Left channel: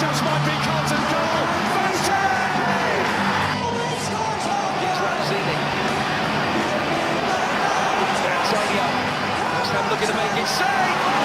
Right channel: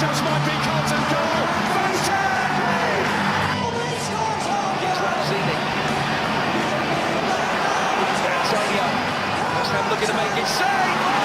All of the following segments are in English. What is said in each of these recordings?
just might be Carlton goal. Antonio. West Ham looking to make it save.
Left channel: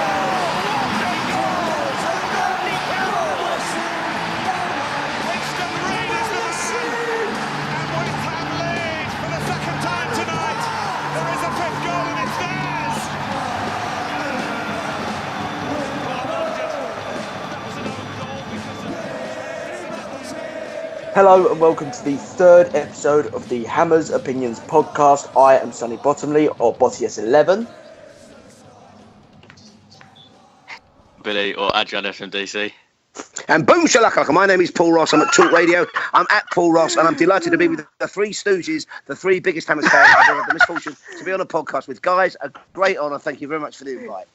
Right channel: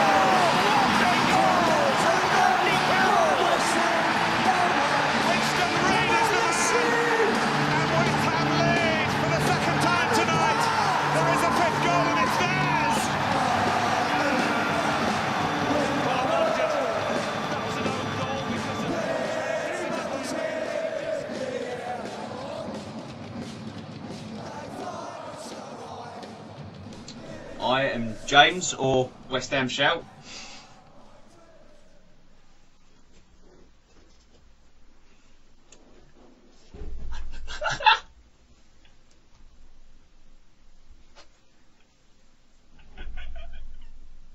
Hello and welcome to the third episode of the Hammers Opinions podcast. I am Sonny Bottomley, or Bottius11. I am James, or West Ham Shout. Billy, or Adrian FMDC. And boom shalaka, my name is Paul Ross, I'm at Talk Radio, I'm at Paul Ross, and I'm delighted to be with the three stooges, the three biggest Hammers fans I've had the misfortune to be on a podcast with. Guys, a great honour, thank you very much for the invite.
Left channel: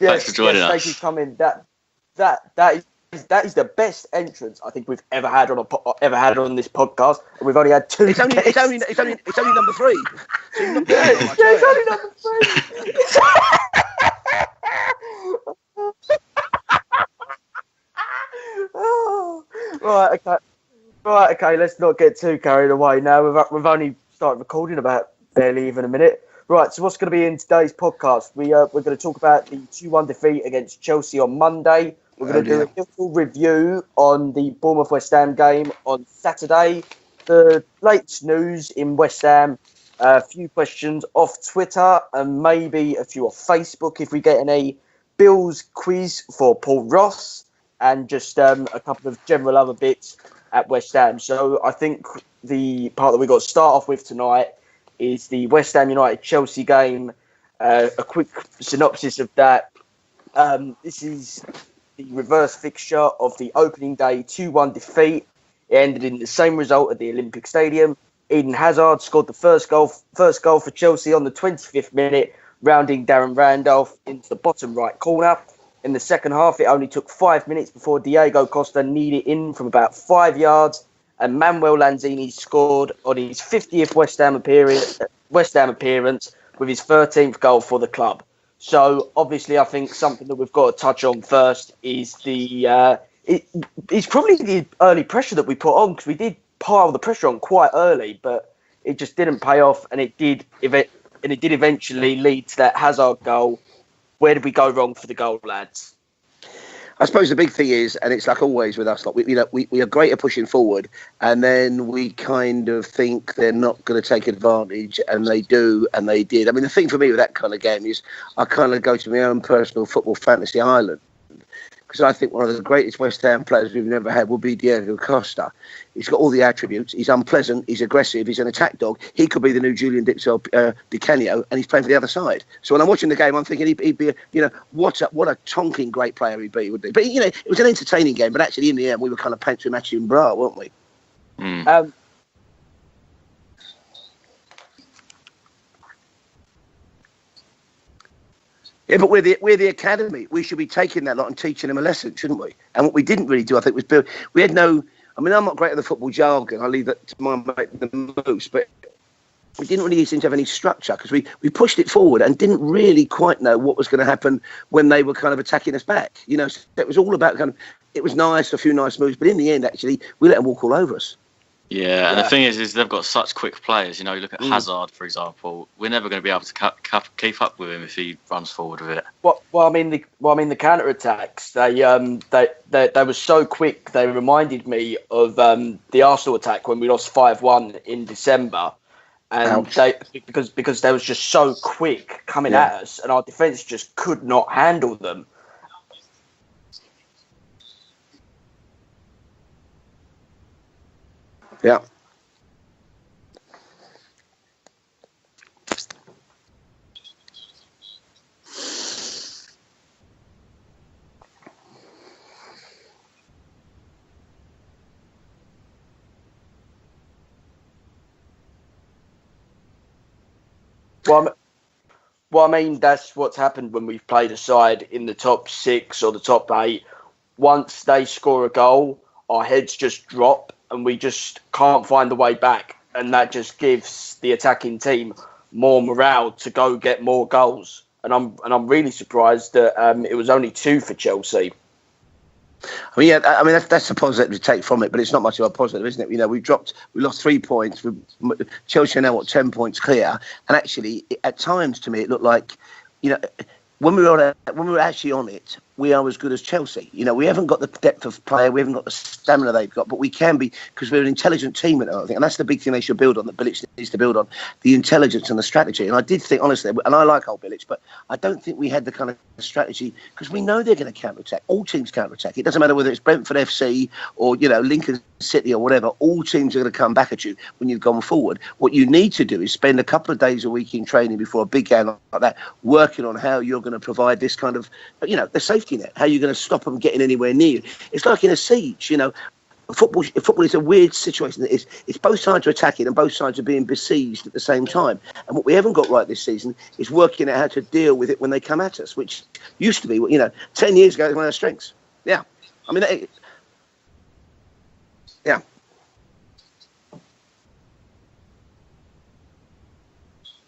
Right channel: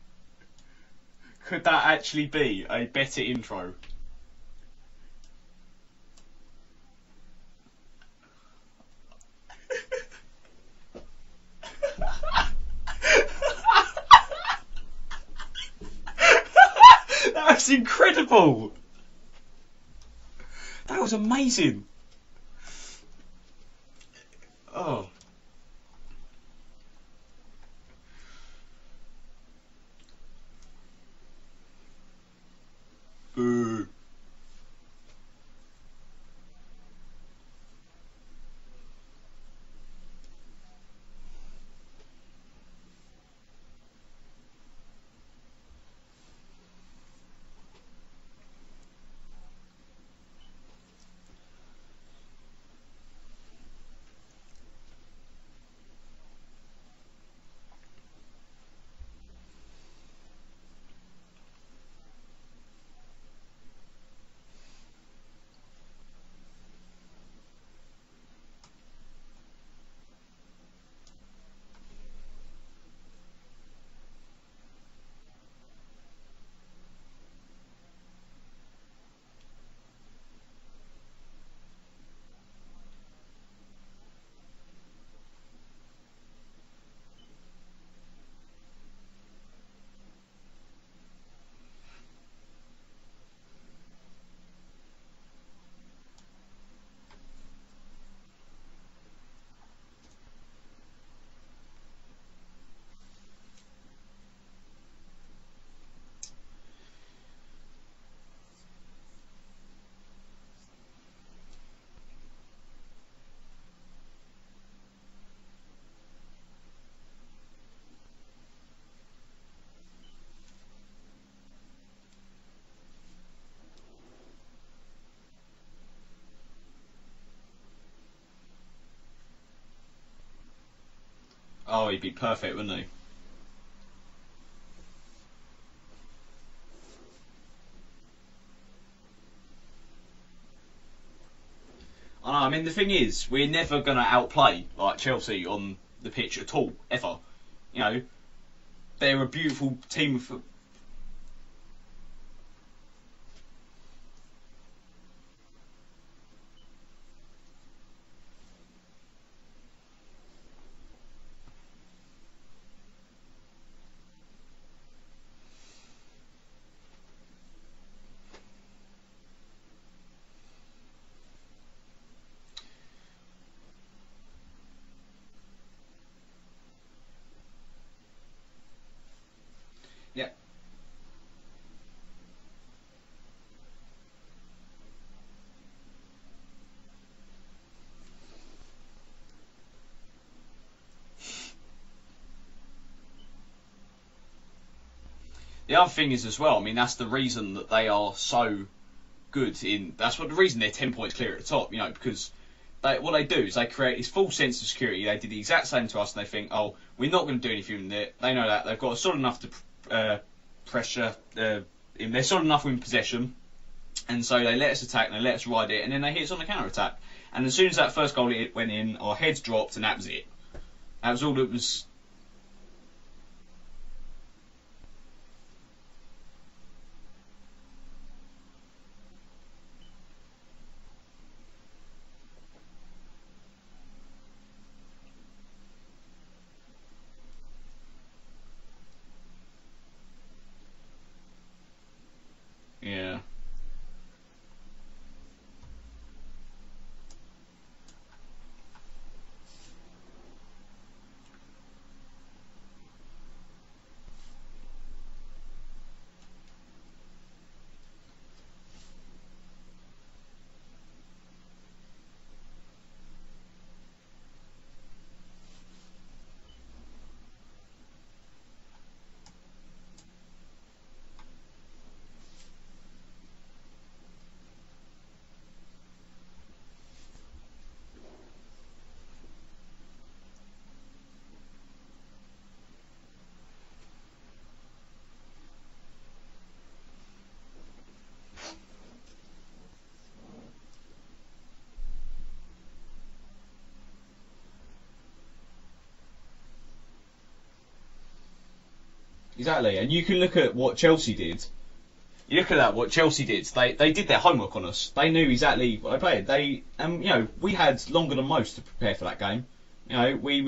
Yes, thanks for joining us. Thank you for coming. Could that actually be a better intro? That is the best entrance I think we've ever had on this podcast, and we've only had two. It's only number three. It's only number three. That's incredible. Oh, right, okay. That was amazing. Let's not get too carried away now. We've only started recording about barely even a minute. Right, so what's going to be in today's podcast? We're going to talk about the 2-1 defeat against Chelsea on Monday. We're going to do a little review on the Bournemouth-West Ham game on Saturday. The latest news in West Ham, a few questions off Twitter, and maybe a few off Facebook if we get any. Bill's quiz for Paul Ross, and just a couple of general other bits at West Ham. So I think the part that we've got to start off with tonight is the West Ham United-Chelsea game. A quick synopsis of that. This is the reverse fixture of the opening day 2-1 defeat. It ended in the same result at the Olympic Stadium. Eden Hazard scored the first goal for Chelsea on the 25th minute, rounding Darren Randolph into the bottom right corner. In the second half, it only took 5 minutes before Diego Costa kneed it in from about 5 yards, and Manuel Lanzini scored on his 50th West Ham appearance with his 13th goal for the club. So obviously, I think something that we've got to touch on first is it's probably the early pressure that we put on, because we did pile the pressure on quite early, but it just didn't pay off, and it did eventually lead to that Hazard goal. Where did we go wrong for the goal, lads? I suppose the big thing is, and it's like always with us, like we are great at pushing forward, and then we kind of think they're not going to take advantage, and they do, and they did. I mean, the thing for me with that kind of game is I kind of go to my own personal football fantasy island, because I think one of the greatest West Ham players we've never had will be Diego Costa. He's got all the attributes. He's unpleasant. He's aggressive. He's an attack dog. He could be the new Julian Di Canio, and he's playing for the other side. So when I'm watching the game, I'm thinking he'd be, what a tonking great player he'd be. But it was an entertaining game. But actually, in the end, we were kind of pantsing matching bra, weren't we? I mean, the thing is, we're never going to outplay like Chelsea on the pitch at all, ever. Yeah, but we're the academy. We should be taking that lot and teaching them a lesson, shouldn't we? And what we didn't really do, I think, was build. We had no. I mean, I'm not great at the football jargon. I leave that to my mate, the Moose. But we didn't really seem to have any structure, because we pushed it forward and didn't really quite know what was going to happen when they were kind of attacking us back. So it was all about kind of. It was nice, a few nice moves, but in the end, actually, we let them walk all over us. Yeah, and the thing is they've got such quick players. You look at Hazard, for example. We're never going to be able to keep up with him if he runs forward with it. Well, I mean the counter attacks. They were so quick. They reminded me of the Arsenal attack when we lost 5-1 in December, and because they was just so quick coming at us, and our defence just could not handle them. The other thing is as well. I mean, that's the reason that they are so good that's what the reason they're 10 points clear at the top, because what they do is they create this false sense of security. They did the exact same to us, and they think, we're not going to do anything with it. They know that they've got solid enough pressure, they're solid enough in possession, and so they let us attack and they let us ride it, and then they hit us on the counter attack. And as soon as that first goal went in, our heads dropped, and that was it. Well, I mean, that's what's happened when we've played a side in the top 6 or the top 8. Once they score a goal, our heads just drop and we just can't find the way back. And that just gives the attacking team more morale to go get more goals. And I'm really surprised that it was only 2 for Chelsea. Well, yeah, I mean that's a positive to take from it, but it's not much of a positive, isn't it? You know, we lost 3 points. Chelsea are now 10 points clear, and actually, at times to me, it looked like, you know, when we were actually on it, we are as good as Chelsea. You know, we haven't got the depth of player, we haven't got the stamina they've got, but we can be, because we're an intelligent team, I think, and that's the big thing they should build on, that Bilic needs to build on, the intelligence and the strategy. And I did think, honestly, and I like old Bilic, but I don't think we had the kind of strategy, because we know they're going to counter-attack. All teams counter-attack. It doesn't matter whether it's Brentford FC or, you know, Lincoln City or whatever. All teams are going to come back at you when you've gone forward. What you need to do is spend a couple of days a week in training before a big game like that, working on how you're going to provide this kind of, you know, the safety net, how you're going to stop them getting anywhere near you. It's like in a siege, you know. Football is a weird situation. It's both sides are attacking and both sides are being besieged at the same time. And what we haven't got right this season is working out how to deal with it when they come at us, which used to be, you know, 10 years ago, one of our strengths. Yeah. You look at that, what Chelsea did. They did their homework on us. They knew exactly what they played. You know, we had longer than most to prepare for that game. You know, we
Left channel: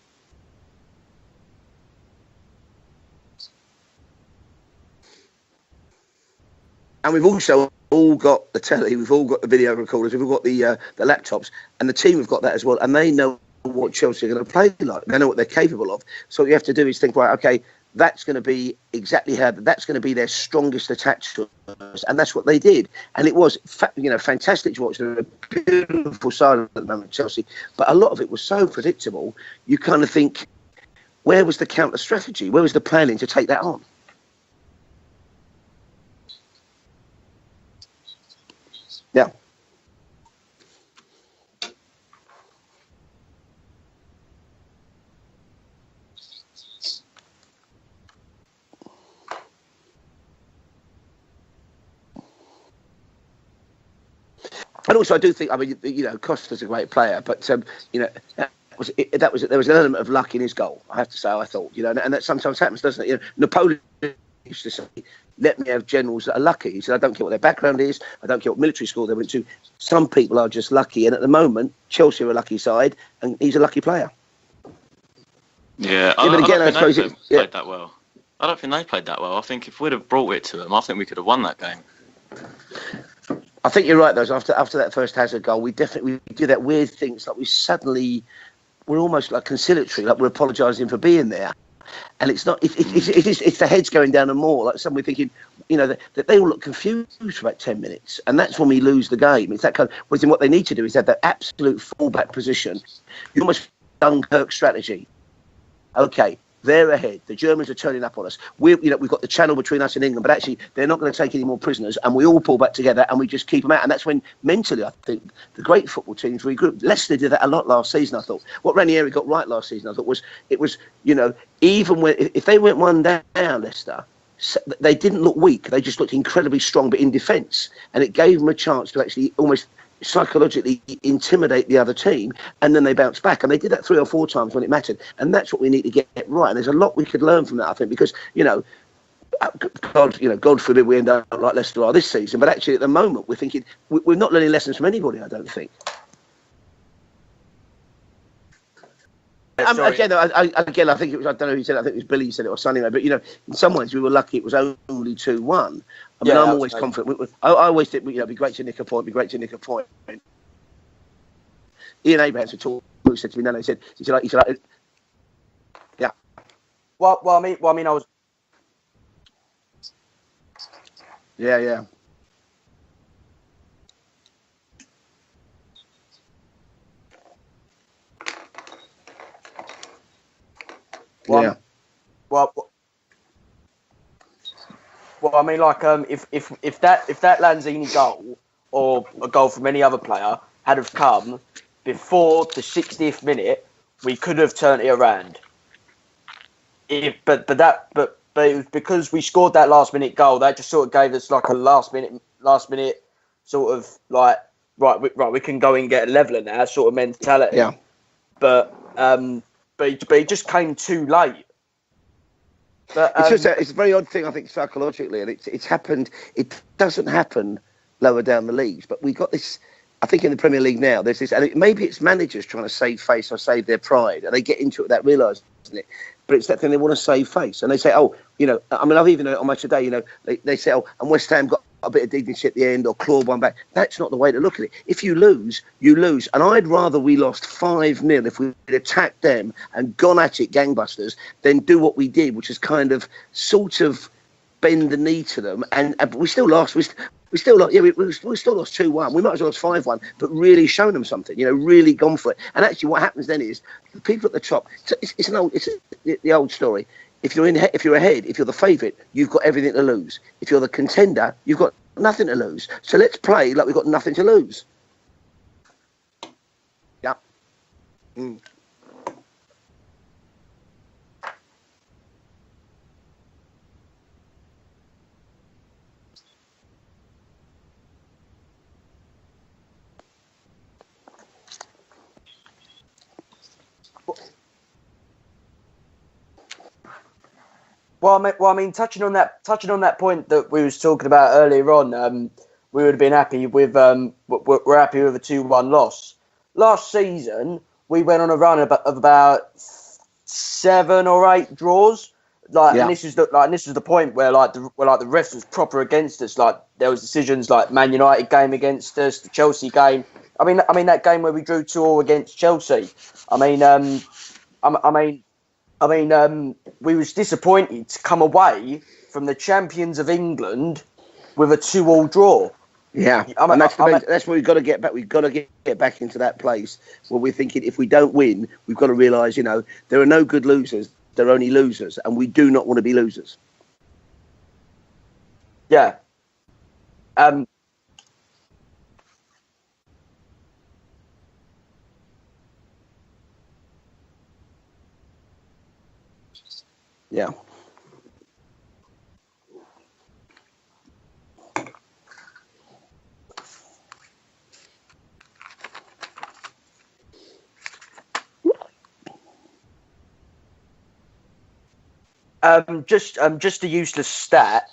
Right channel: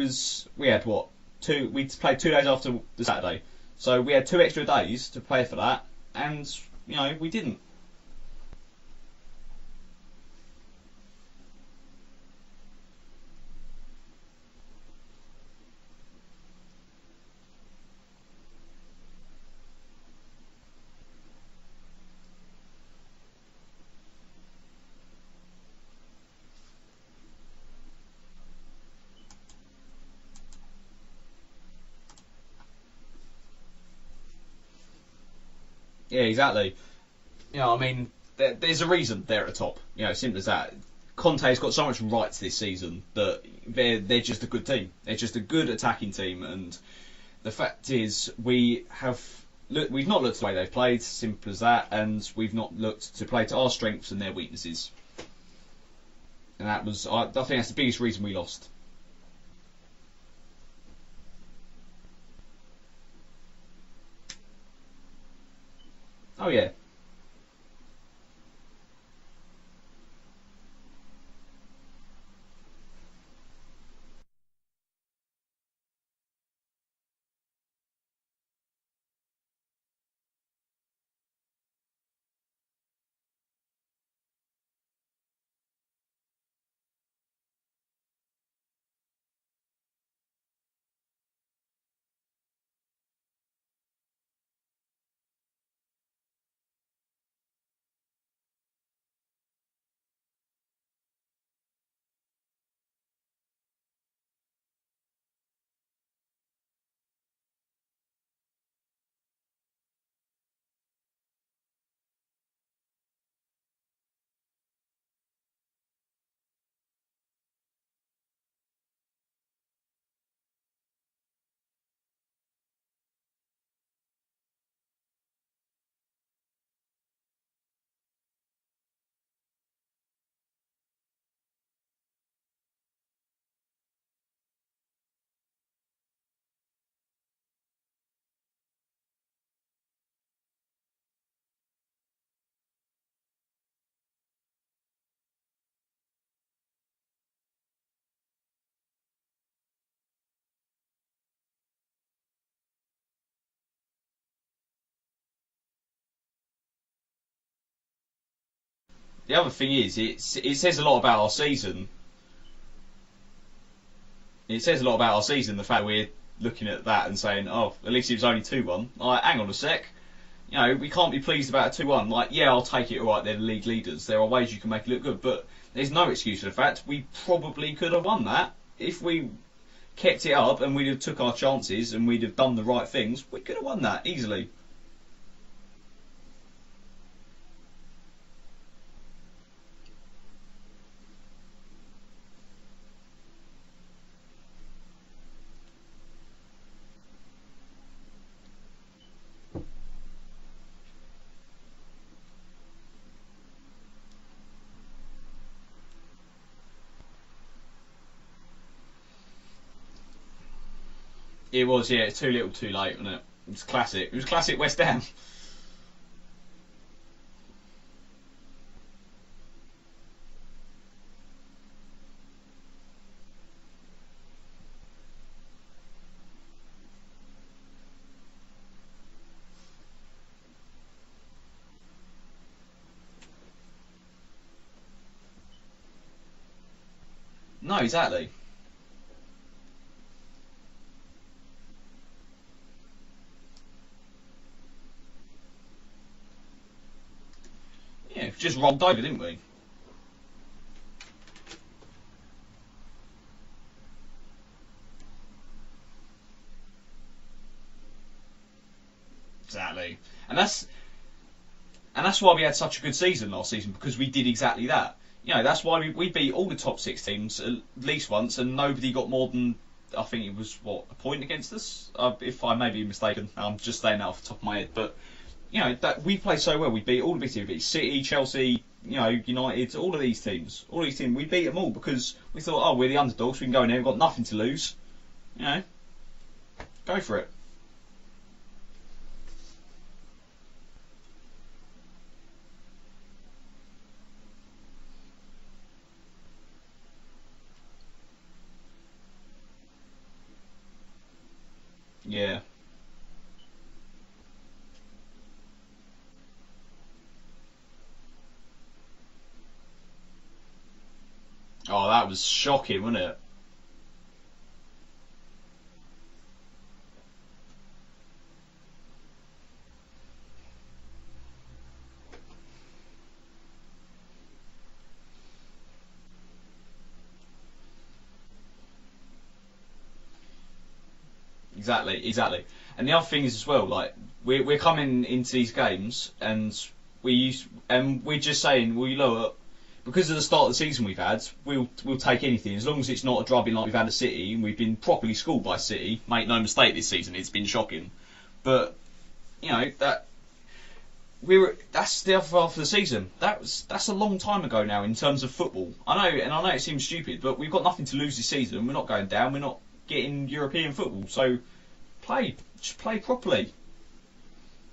had what? We played 2 days after the Saturday. So we had 2 extra days to prepare for that. And, you know, and we've also all got the telly, we've all got the video recorders, we've all got the laptops, and the team have got that as well, and they know what Chelsea are going to play like. They know what they're capable of. So what you have to do is think, right, okay, that's going to be exactly how, that's going to be their strongest attack to us, and that's what they did. And it was, you know, fantastic to watch. They're a beautiful side at the moment, Chelsea, but a lot of it was so predictable. You kind of think, where was the counter strategy? Where was the planning to take that on? Yeah, exactly. You know, I mean, there's a reason they're at the top. You know, simple as that. Conte's got so much rights this season that they're just a good team. They're just a good attacking team, and the fact is we've not looked the way they've played, simple as that, and we've not looked to play to our strengths and their weaknesses. And also, I do think, I mean, you know, Costa's a great player, but I think that's the biggest reason we lost. There was an element of luck in his goal, I have to say. I thought, you know, and that sometimes happens, doesn't it? You know, Napoleon used to say, let me have generals that are lucky. He said, I don't care what their background is, I don't care what military school they went to. Some people are just lucky, and at the moment, Chelsea are a lucky side, and he's a lucky player. Yeah, but again, I suppose it played that well. I don't think they played that well. I think if we'd have brought it to them, I think we could have won that game. I think you're right, though. After that first Hazard goal, we do that weird thing. It's like we're almost like conciliatory, like we're apologising for being there. And it's not. It's the heads going down and more. Like somebody thinking, you know, that they all look confused for about 10 minutes, and that's when we lose the game. It's that kind of. What they need to do is have that absolute fallback position. You almost Dunkirk strategy. Okay, they're ahead. The Germans are turning up on us. We've got the channel between us and England, but actually they're not going to take any more prisoners, and we all pull back together and we just keep them out. And that's when mentally, I think the great football teams regroup. Leicester did that a lot last season. I thought what Ranieri got right last season, I thought was you know, even when if they went 1 down, Leicester, they didn't look weak. They just looked incredibly strong, but in defence, and it gave them a chance to actually almost psychologically intimidate the other team, and then they bounce back, and they did that 3 or 4 times when it mattered, and that's what we need to get right. And there's a lot we could learn from that, I think, because God forbid we end up like Leicester are this season, but actually at the moment we're thinking we're not learning lessons from anybody, I don't think. Again, I think it was, I don't know who said it, I think it was Billy who said it or Sonny, but you know, in some ways we were lucky it was only 2-1. I mean, I'm always confident. I always think, you know, it'd be great to nick a point. It'd be great to nick a point. The other thing is, it says a lot about our season. Ian Abrahams said to me, he said, it says a lot about our season. The fact we're looking at that and saying, at least it was only 2-1. Like, hang on a sec. You know, we can't be pleased about 2-1. Like, I'll take it. All right, they're the league leaders. There are ways you can make it look good, but there's no excuse for the fact we probably could have won that if we kept it up and we'd have took our chances and we'd have done the right things. We could have won that easily. Well, I mean, like, if that Lanzini goal or a goal from any other player had have come before the 60th minute, we could have turned it around. But it was because we scored that last minute goal that just sort of gave us like a last minute sort of like right we can go and get a leveller now sort of mentality. Yeah. But it just came too late. It was, too little, too late. But, it's a very odd thing, I think, psychologically, and it's happened. It doesn't happen lower down the leagues, but we got this. I think in the Premier League now, there's this, and maybe it's managers trying to save face or save their pride, and they get into it without realising it. But it's that thing, they want to save face, and they say, oh, you know, I mean, I've even on Match Today, you know, they say, oh, and West Ham got a bit of dignity at the end or claw one back. That's not the way to look at it. If you lose, you lose. And I'd rather we lost 5-0 if we'd attacked them and gone at it gangbusters than do what we did, which is kind of sort of bend the knee to them. And we still lost. We still lost. Yeah, we still lost 2-1. We might as well lost 5-1, but really shown them something. Really gone for it. And actually, what happens then is the people at the top. It's the old story. If you're ahead, if you're the favourite, you've got everything to lose. If you're the contender, you've got nothing to lose. So let's play like we've got nothing to lose. Exactly that. That's why we beat all the top 6 teams at least once, and nobody got more than, I think it was a point against us. If I may be mistaken, I'm just saying that off the top of my head. But that we played so well. We beat all the big teams. We beat City, Chelsea, United, all of these teams. We beat them all because we thought, we're the underdogs. We can go in there. We've got nothing to lose. Go for it. Well, I mean, touching on that point that we was talking about earlier on, we would have been happy with. We're happy with a 2-1 loss. Last season, we went on a run of about 7 or 8 draws. Yeah. And this is the point where the refs was proper against us. Like there was decisions like Man United game against us, the Chelsea game. I mean that game where we drew 2-2 against Chelsea. We was disappointed to come away from the champions of England with a 2-2 draw. Yeah, that's where we've got to get back. We've got to get back into that place where we're thinking if we don't win, we've got to realise, there are no good losers. There are only losers, and we do not want to be losers. The other thing is as well, like we're coming into these games, and we're just saying, look, because of the start of the season we've had, we'll take anything as long as it's not a drubbing like we've had at City, and we've been properly schooled by City. Make no mistake, this season it's been shocking, but that's the other half of the season. That's a long time ago now in terms of football. I know it seems stupid, but we've got nothing to lose this season. We're not going down. We're not getting European football. So play. Just a useless stat.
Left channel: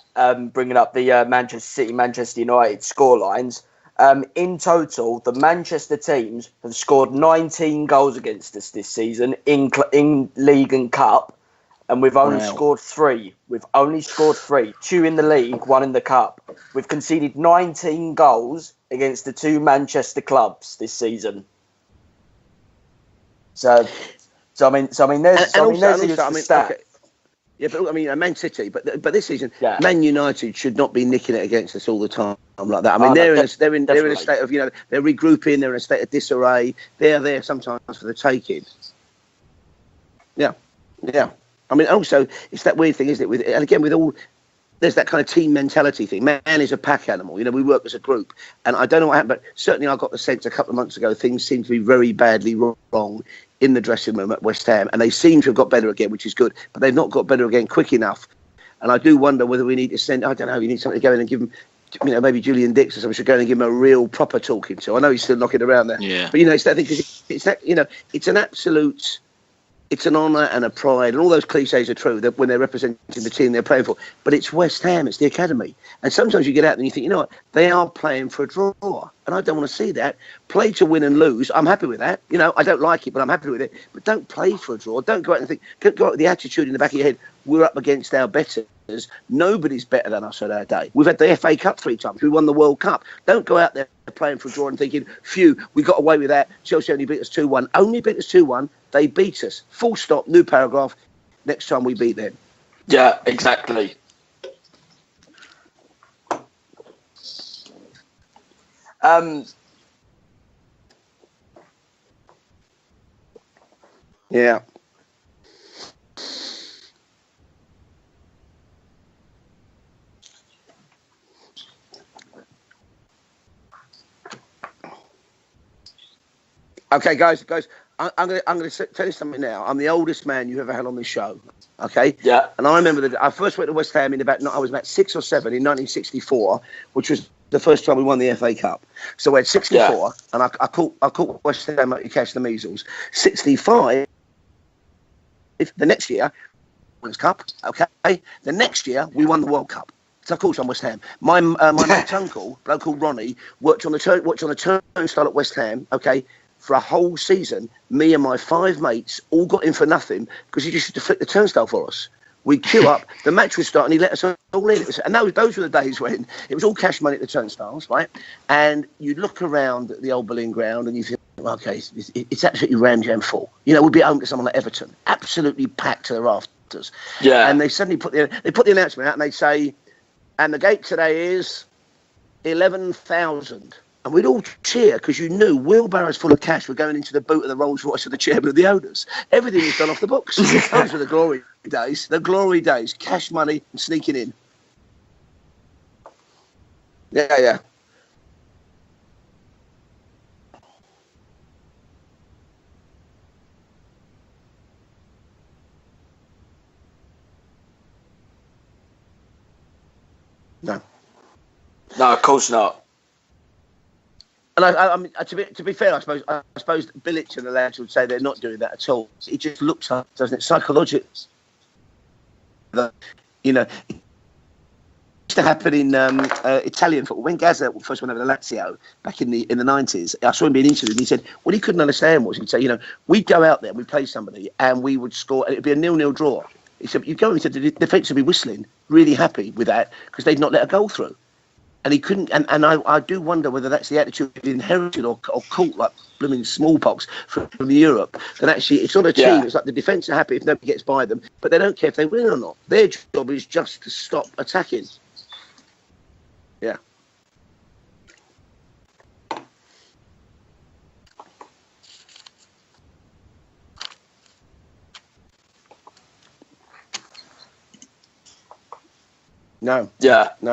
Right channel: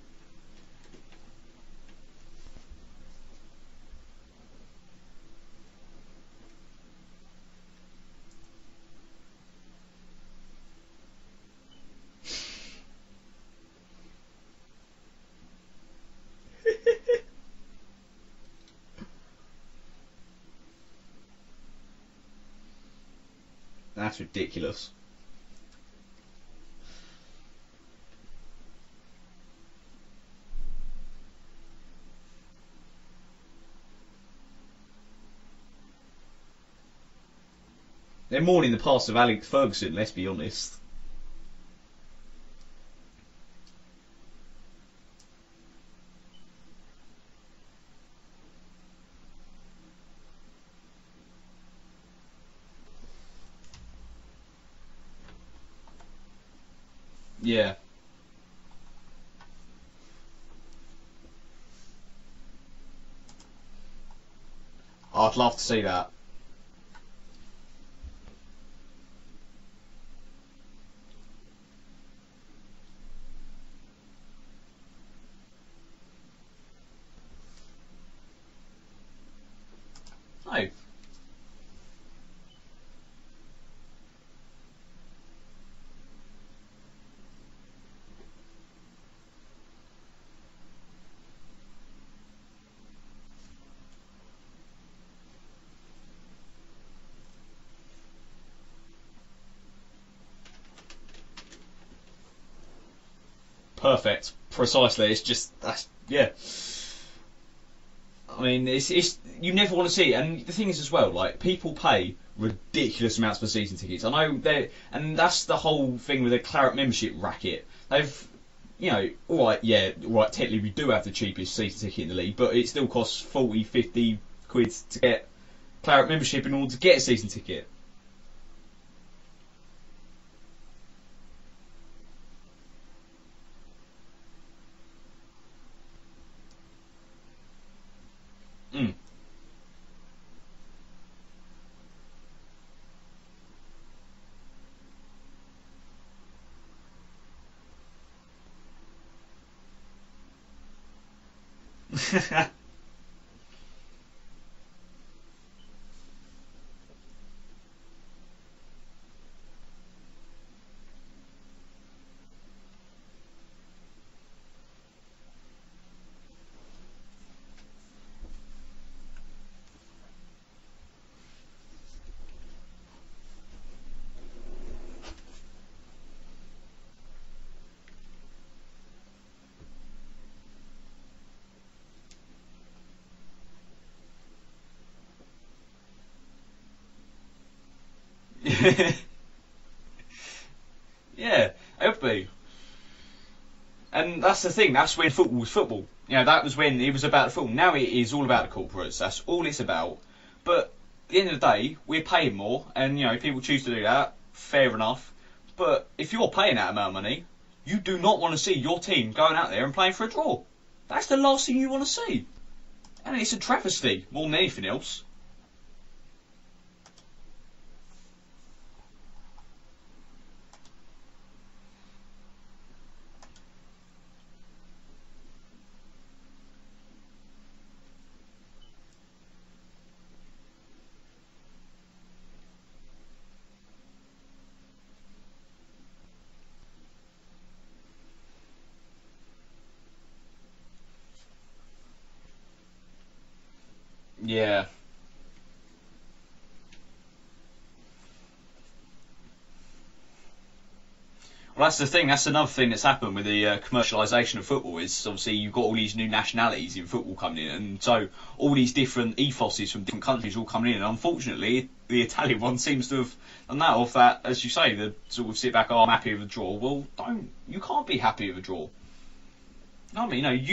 Bringing up the Manchester City, Manchester United scorelines. In total, the Manchester teams have scored 19 goals against us this season in league and cup, and we've only scored 3. We've only scored 3. 2 in the league, 1 in the cup. We've conceded 19 goals against the 2 Manchester clubs this season. So that's ridiculous. There's a stat. Okay. Yeah, but Man City, but this season, Man United should not be nicking it against us all the time like that. They're in a state of they're regrouping, they're in a sate of disarray. They're there sometimes for the taking. They're more in the past of Alex Ferguson. Let's be honest. Yeah. Also, it's that weird thing, isn't it? There's that kind of team mentality thing. Man is a pack animal. We work as a group. And I don't know what happened, but certainly I got the sense a couple of months ago things seemed to be very badly wrong in the dressing room at West Ham. And they seem to have got better again, which is good. But they've not got better again quick enough. And I do wonder whether we need to send, I don't know, you need something to go in and give them, maybe Julian Dix or something should go in and give him a real proper talking to. I know he's still knocking around there. Yeah. But, it's that thing, because it's an absolute... It's an honour and a pride, and all those cliches are true that when they're representing the team they're playing for. But it's West Ham, it's the academy. And sometimes you get out and you think, what, they are playing for a draw. And I don't want to see that. Play to win and lose. I'm happy with that. I don't like it, but I'm happy with it. But don't play for a draw. Don't go out and think, go out with the attitude in the back of your head, we're up against our betters. Nobody's better than us at our day. We've had the FA Cup 3 times. We won the World Cup. Don't go out there playing for a draw and thinking, phew, we got away with that. Chelsea only beat us 2-1. Only beat us 2-1. They beat us. Full stop. New paragraph. Next time we beat them. Yeah, exactly. Perfect. Precisely. It's just it's you never want to see it. And the thing is as well, like people pay ridiculous amounts for season tickets. I know, and that's the whole thing with the Claret membership racket. They've, technically we do have the cheapest season ticket in the league, but it still costs 40, 50 quid to get Claret membership in order to get a season ticket. Guys, I'm going to tell you something now. I'm the oldest man you've ever had on this show, okay? Yeah. And I remember that I first went to West Ham I was about 6 or 7 in 1964, which was the first time we won the FA Cup. So we had 64, and I caught West Ham up, you catch the measles. 65, the next year, Women's Cup, okay? The next year, we won the World Cup. So of course I'm West Ham. My mate's uncle, a bloke called Ronnie, worked on the turnstile at West Ham, okay? For a whole season, me and my 5 mates all got in for nothing because he just used to flick the turnstile for us. We'd queue up, the match would start, and he let us all in. And those were the days when it was all cash money at the turnstiles, right? And you'd look around at the old Berlin ground and you think, okay, it's absolutely ram-jam full. You know, we'd be home to someone like Everton, absolutely packed to the rafters. Yeah. And they suddenly put the announcement out and they'd say, and the gate today is 11,000. And we'd all cheer because you knew wheelbarrows full of cash were going into the boot of the Rolls Royce of the chairman of the owners. Everything was done off the books. Those were the glory days. Everything. The glory days. Cash money and sneaking in. That's the thing. That's when football was football. You know, that was when it was about football. Now it is all about the corporates. That's all it's about. But at the end of the day, we're paying more. And, you know, people choose to do that. Fair enough. But if you're paying that amount of money, you do not want to see your team going out there and playing for a draw. No. That's the last thing you want to see. No, of course not. And it's a travesty more than anything. And else. I mean, to be fair, I suppose Bilic and the lads would say they're not doing that at all. It just looks like, doesn't it, psychologically? You know, it used to happen in Italian football. When Gazza first went over to Lazio back in the 90s, I saw him being interviewed and he said what he couldn't understand was, he'd say, you know, we'd go out there, we'd play somebody and we would score and it'd be a 0-0 draw. He said, you'd go and he said the defence would be whistling, really happy with that because they'd not let a goal through. And he couldn't, and I do wonder whether that's the attitude inherited or caught like blooming smallpox from Europe. That actually it's not a team. It's like the defence are happy if nobody gets by them, but they don't care if they win. That's another thing that's happened with the just commercialisation of football. Is obviously you've got all these new nationalities in football coming in, and so all these different ethoses from different countries all coming in. And unfortunately, the Italian one seems to have done that. Off that, as you say, the sort of sit back, oh, I'm happy with a draw. Well, you can't be happy with a draw. No. You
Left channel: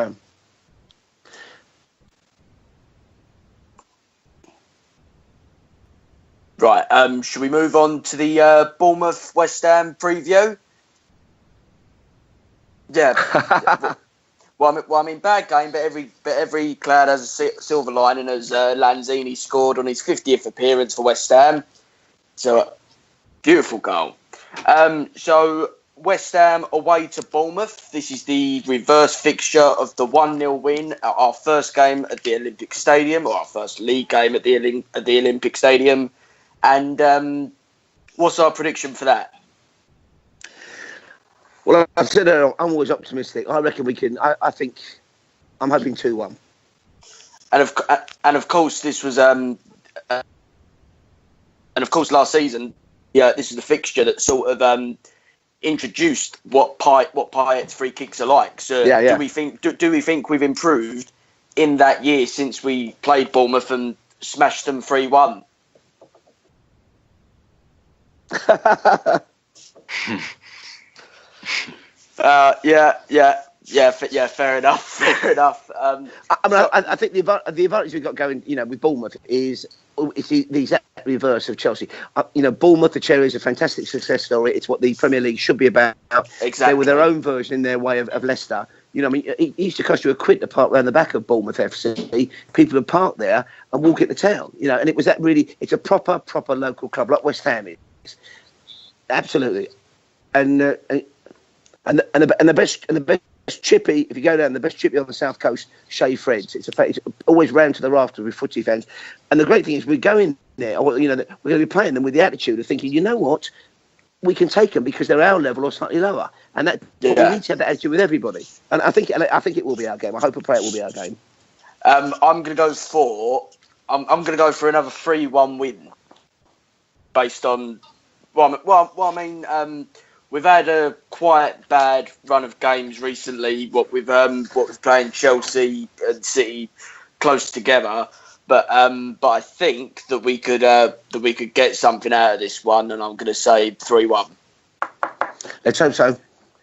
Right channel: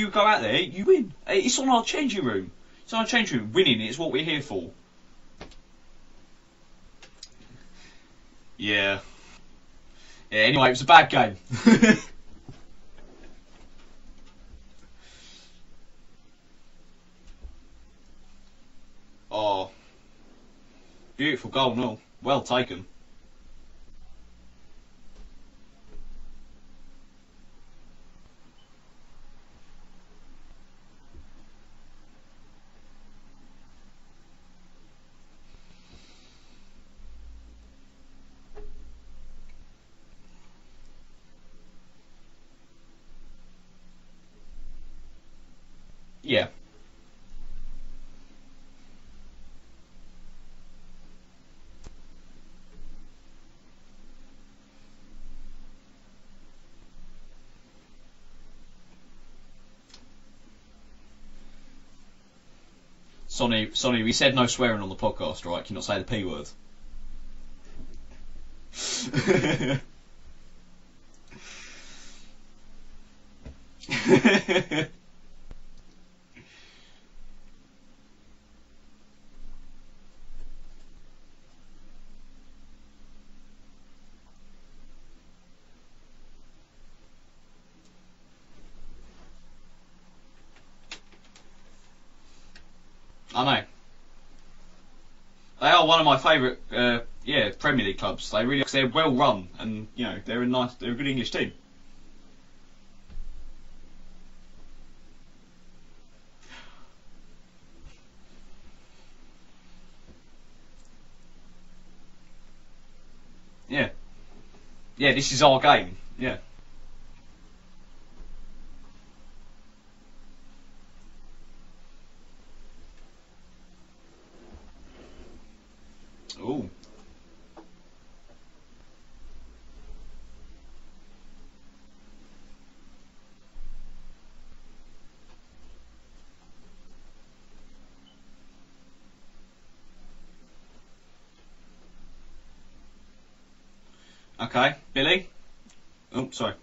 go out there, you win. It's on our changing room. It's on our changing room. Winning is what we're here for. Right. Should we move on to the Bournemouth West Ham preview? Yeah, anyway, it was a bad game. Well, I mean, bad game, but every cloud has a silver lining. As Lanzini scored on his 50th appearance for West Ham. Goal, no. Well taken. Beautiful goal. So West Ham away to Bournemouth. This is the reverse fixture of the 1-0 win at our first game at the Olympic Stadium, or our first league game at the Olympic Stadium. And what's our prediction for that? Well, I've said I'm always optimistic. I reckon we can. I think I'm hoping 2-1. Yeah. And of course, this was and of course last season, this is the fixture that sort of introduced what Payet's free kicks are like. So do we think we've improved in that year since we played Bournemouth and we said smashed no them 3-1? Right? Can you not say the P word? Fair enough. Fair enough. I think the advantage we've got going, with Bournemouth is it's the exact reverse of Chelsea. Bournemouth, the Cherries, a fantastic success story. It's what the Premier League should be about. Exactly. They were their own version in their way of Leicester. It used to cost you £1 to park around the back of Bournemouth FC. People would park there and walk into town. And it was that really. It's a proper local club like West Ham. Premier League clubs. They're well Absolutely. run, and they're a good English team. And the best chippy, if you go down, the best chippy on the south coast, Shea Fred's. It's always round to the rafters with footy fans. And the great thing is we go in there, we're going to be playing them with the attitude of thinking, you know what? Yeah. We can take them because they're our level or slightly lower. Yeah. And that we need to have that attitude with everybody. And I think it will be our game. I hope and pray it will be our game. I'm going to go for another 3-1 win. Ooh. Based on we've had a quite bad run of games recently. What we've playing Chelsea and City close together, but I think that we could get something out of this one, and I'm going to say 3-1. Okay, Billy. Let's hope so. Oh, sorry.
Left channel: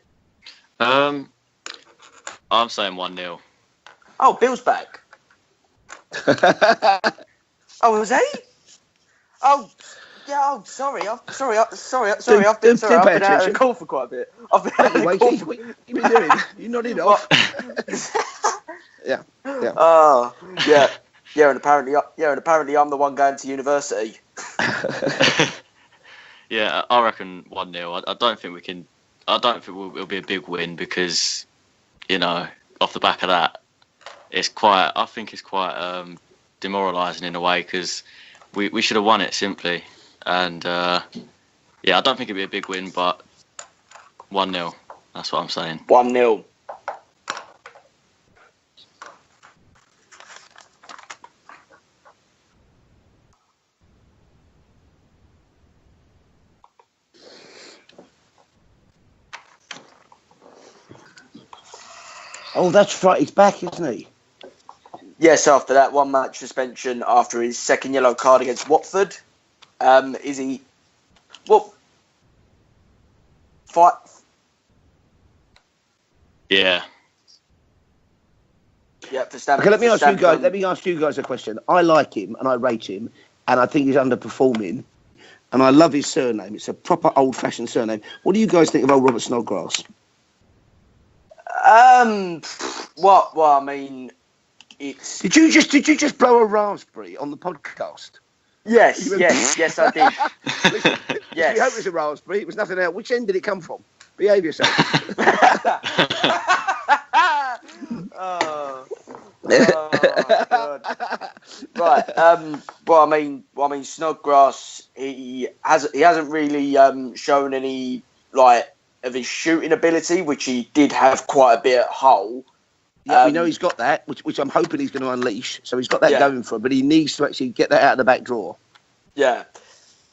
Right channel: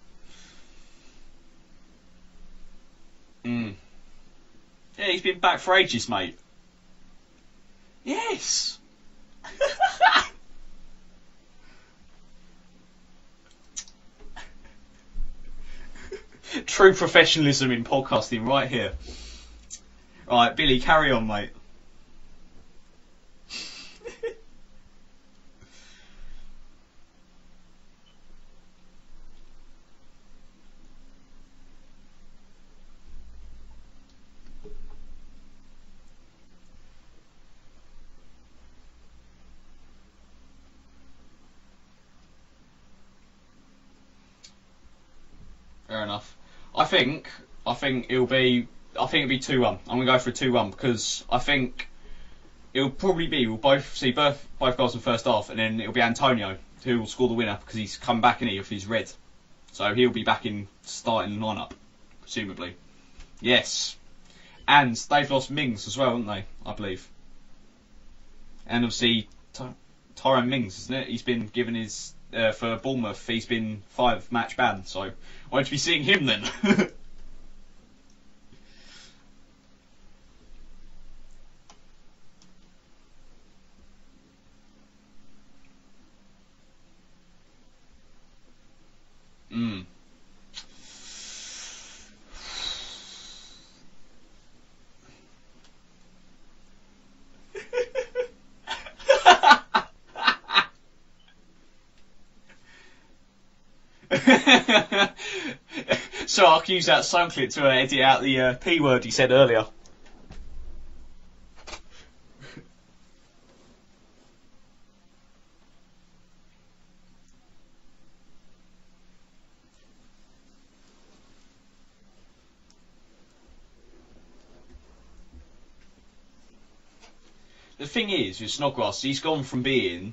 I'm saying 1-0. Oh, Bill's back. Yeah, he's been back for ages, mate. Oh, was he? Oh, yeah. Oh, sorry. I've been out of the call for quite a bit. I've been out of the call. What you been doing? True professionalism in podcasting, right here. Yeah. Right, carry on, mate. Yeah, and apparently I'm the one going to university. Yeah, I reckon 1-0. I don't think we can. I don't think it'll be a big win because, off the back of that, I think it's quite demoralising in a way because. We should have won it simply, and I don't think it'd be a big win, but 1-0. That's what I'm saying. 1-0. I think it'll be 2-1. I'm gonna go for a 2-1 because I think it'll probably be we'll both see both goals in the first half, and then it'll be Antonio who will score the winner because he's come back in here if he's red, so he'll be back in starting lineup. Oh, that's right. He's back, Yes. isn't he? And they've Yes, got after Mings that as well, 1 match haven't they, suspension I after his second yellow card against believe. Watford. And obviously, Is Tyrone he- Mings, isn't it? He's been Well- given his for Bournemouth. He's been Fi- 5-match ban, so won't you be seeing him then? Yeah. Yeah, for Stamford. Okay, let me for ask you guys. Stamford. Let me ask you guys a question. I like him and I rate him, and I think he's underperforming. And I love his surname. It's a proper old-fashioned surname. What do you guys think of old Robert Snodgrass? Well, I mean, it's Did you just blow a raspberry on the podcast? yes, I did. Listen, Yes. we hope it was a raspberry. It was nothing else. Which end did it come from? So I'll use that something to edit out the P word he said earlier. Oh, God. Right. Well, I mean, Snodgrass. He hasn't really shown any of his shooting ability, which he did have quite a bit at Hull. Yeah, we know he's got that, which I'm hoping he's going to unleash. So he's got that Yeah. going for him, but he needs to actually get that out of the back drawer. Snodgrass, he's Yeah. gone from being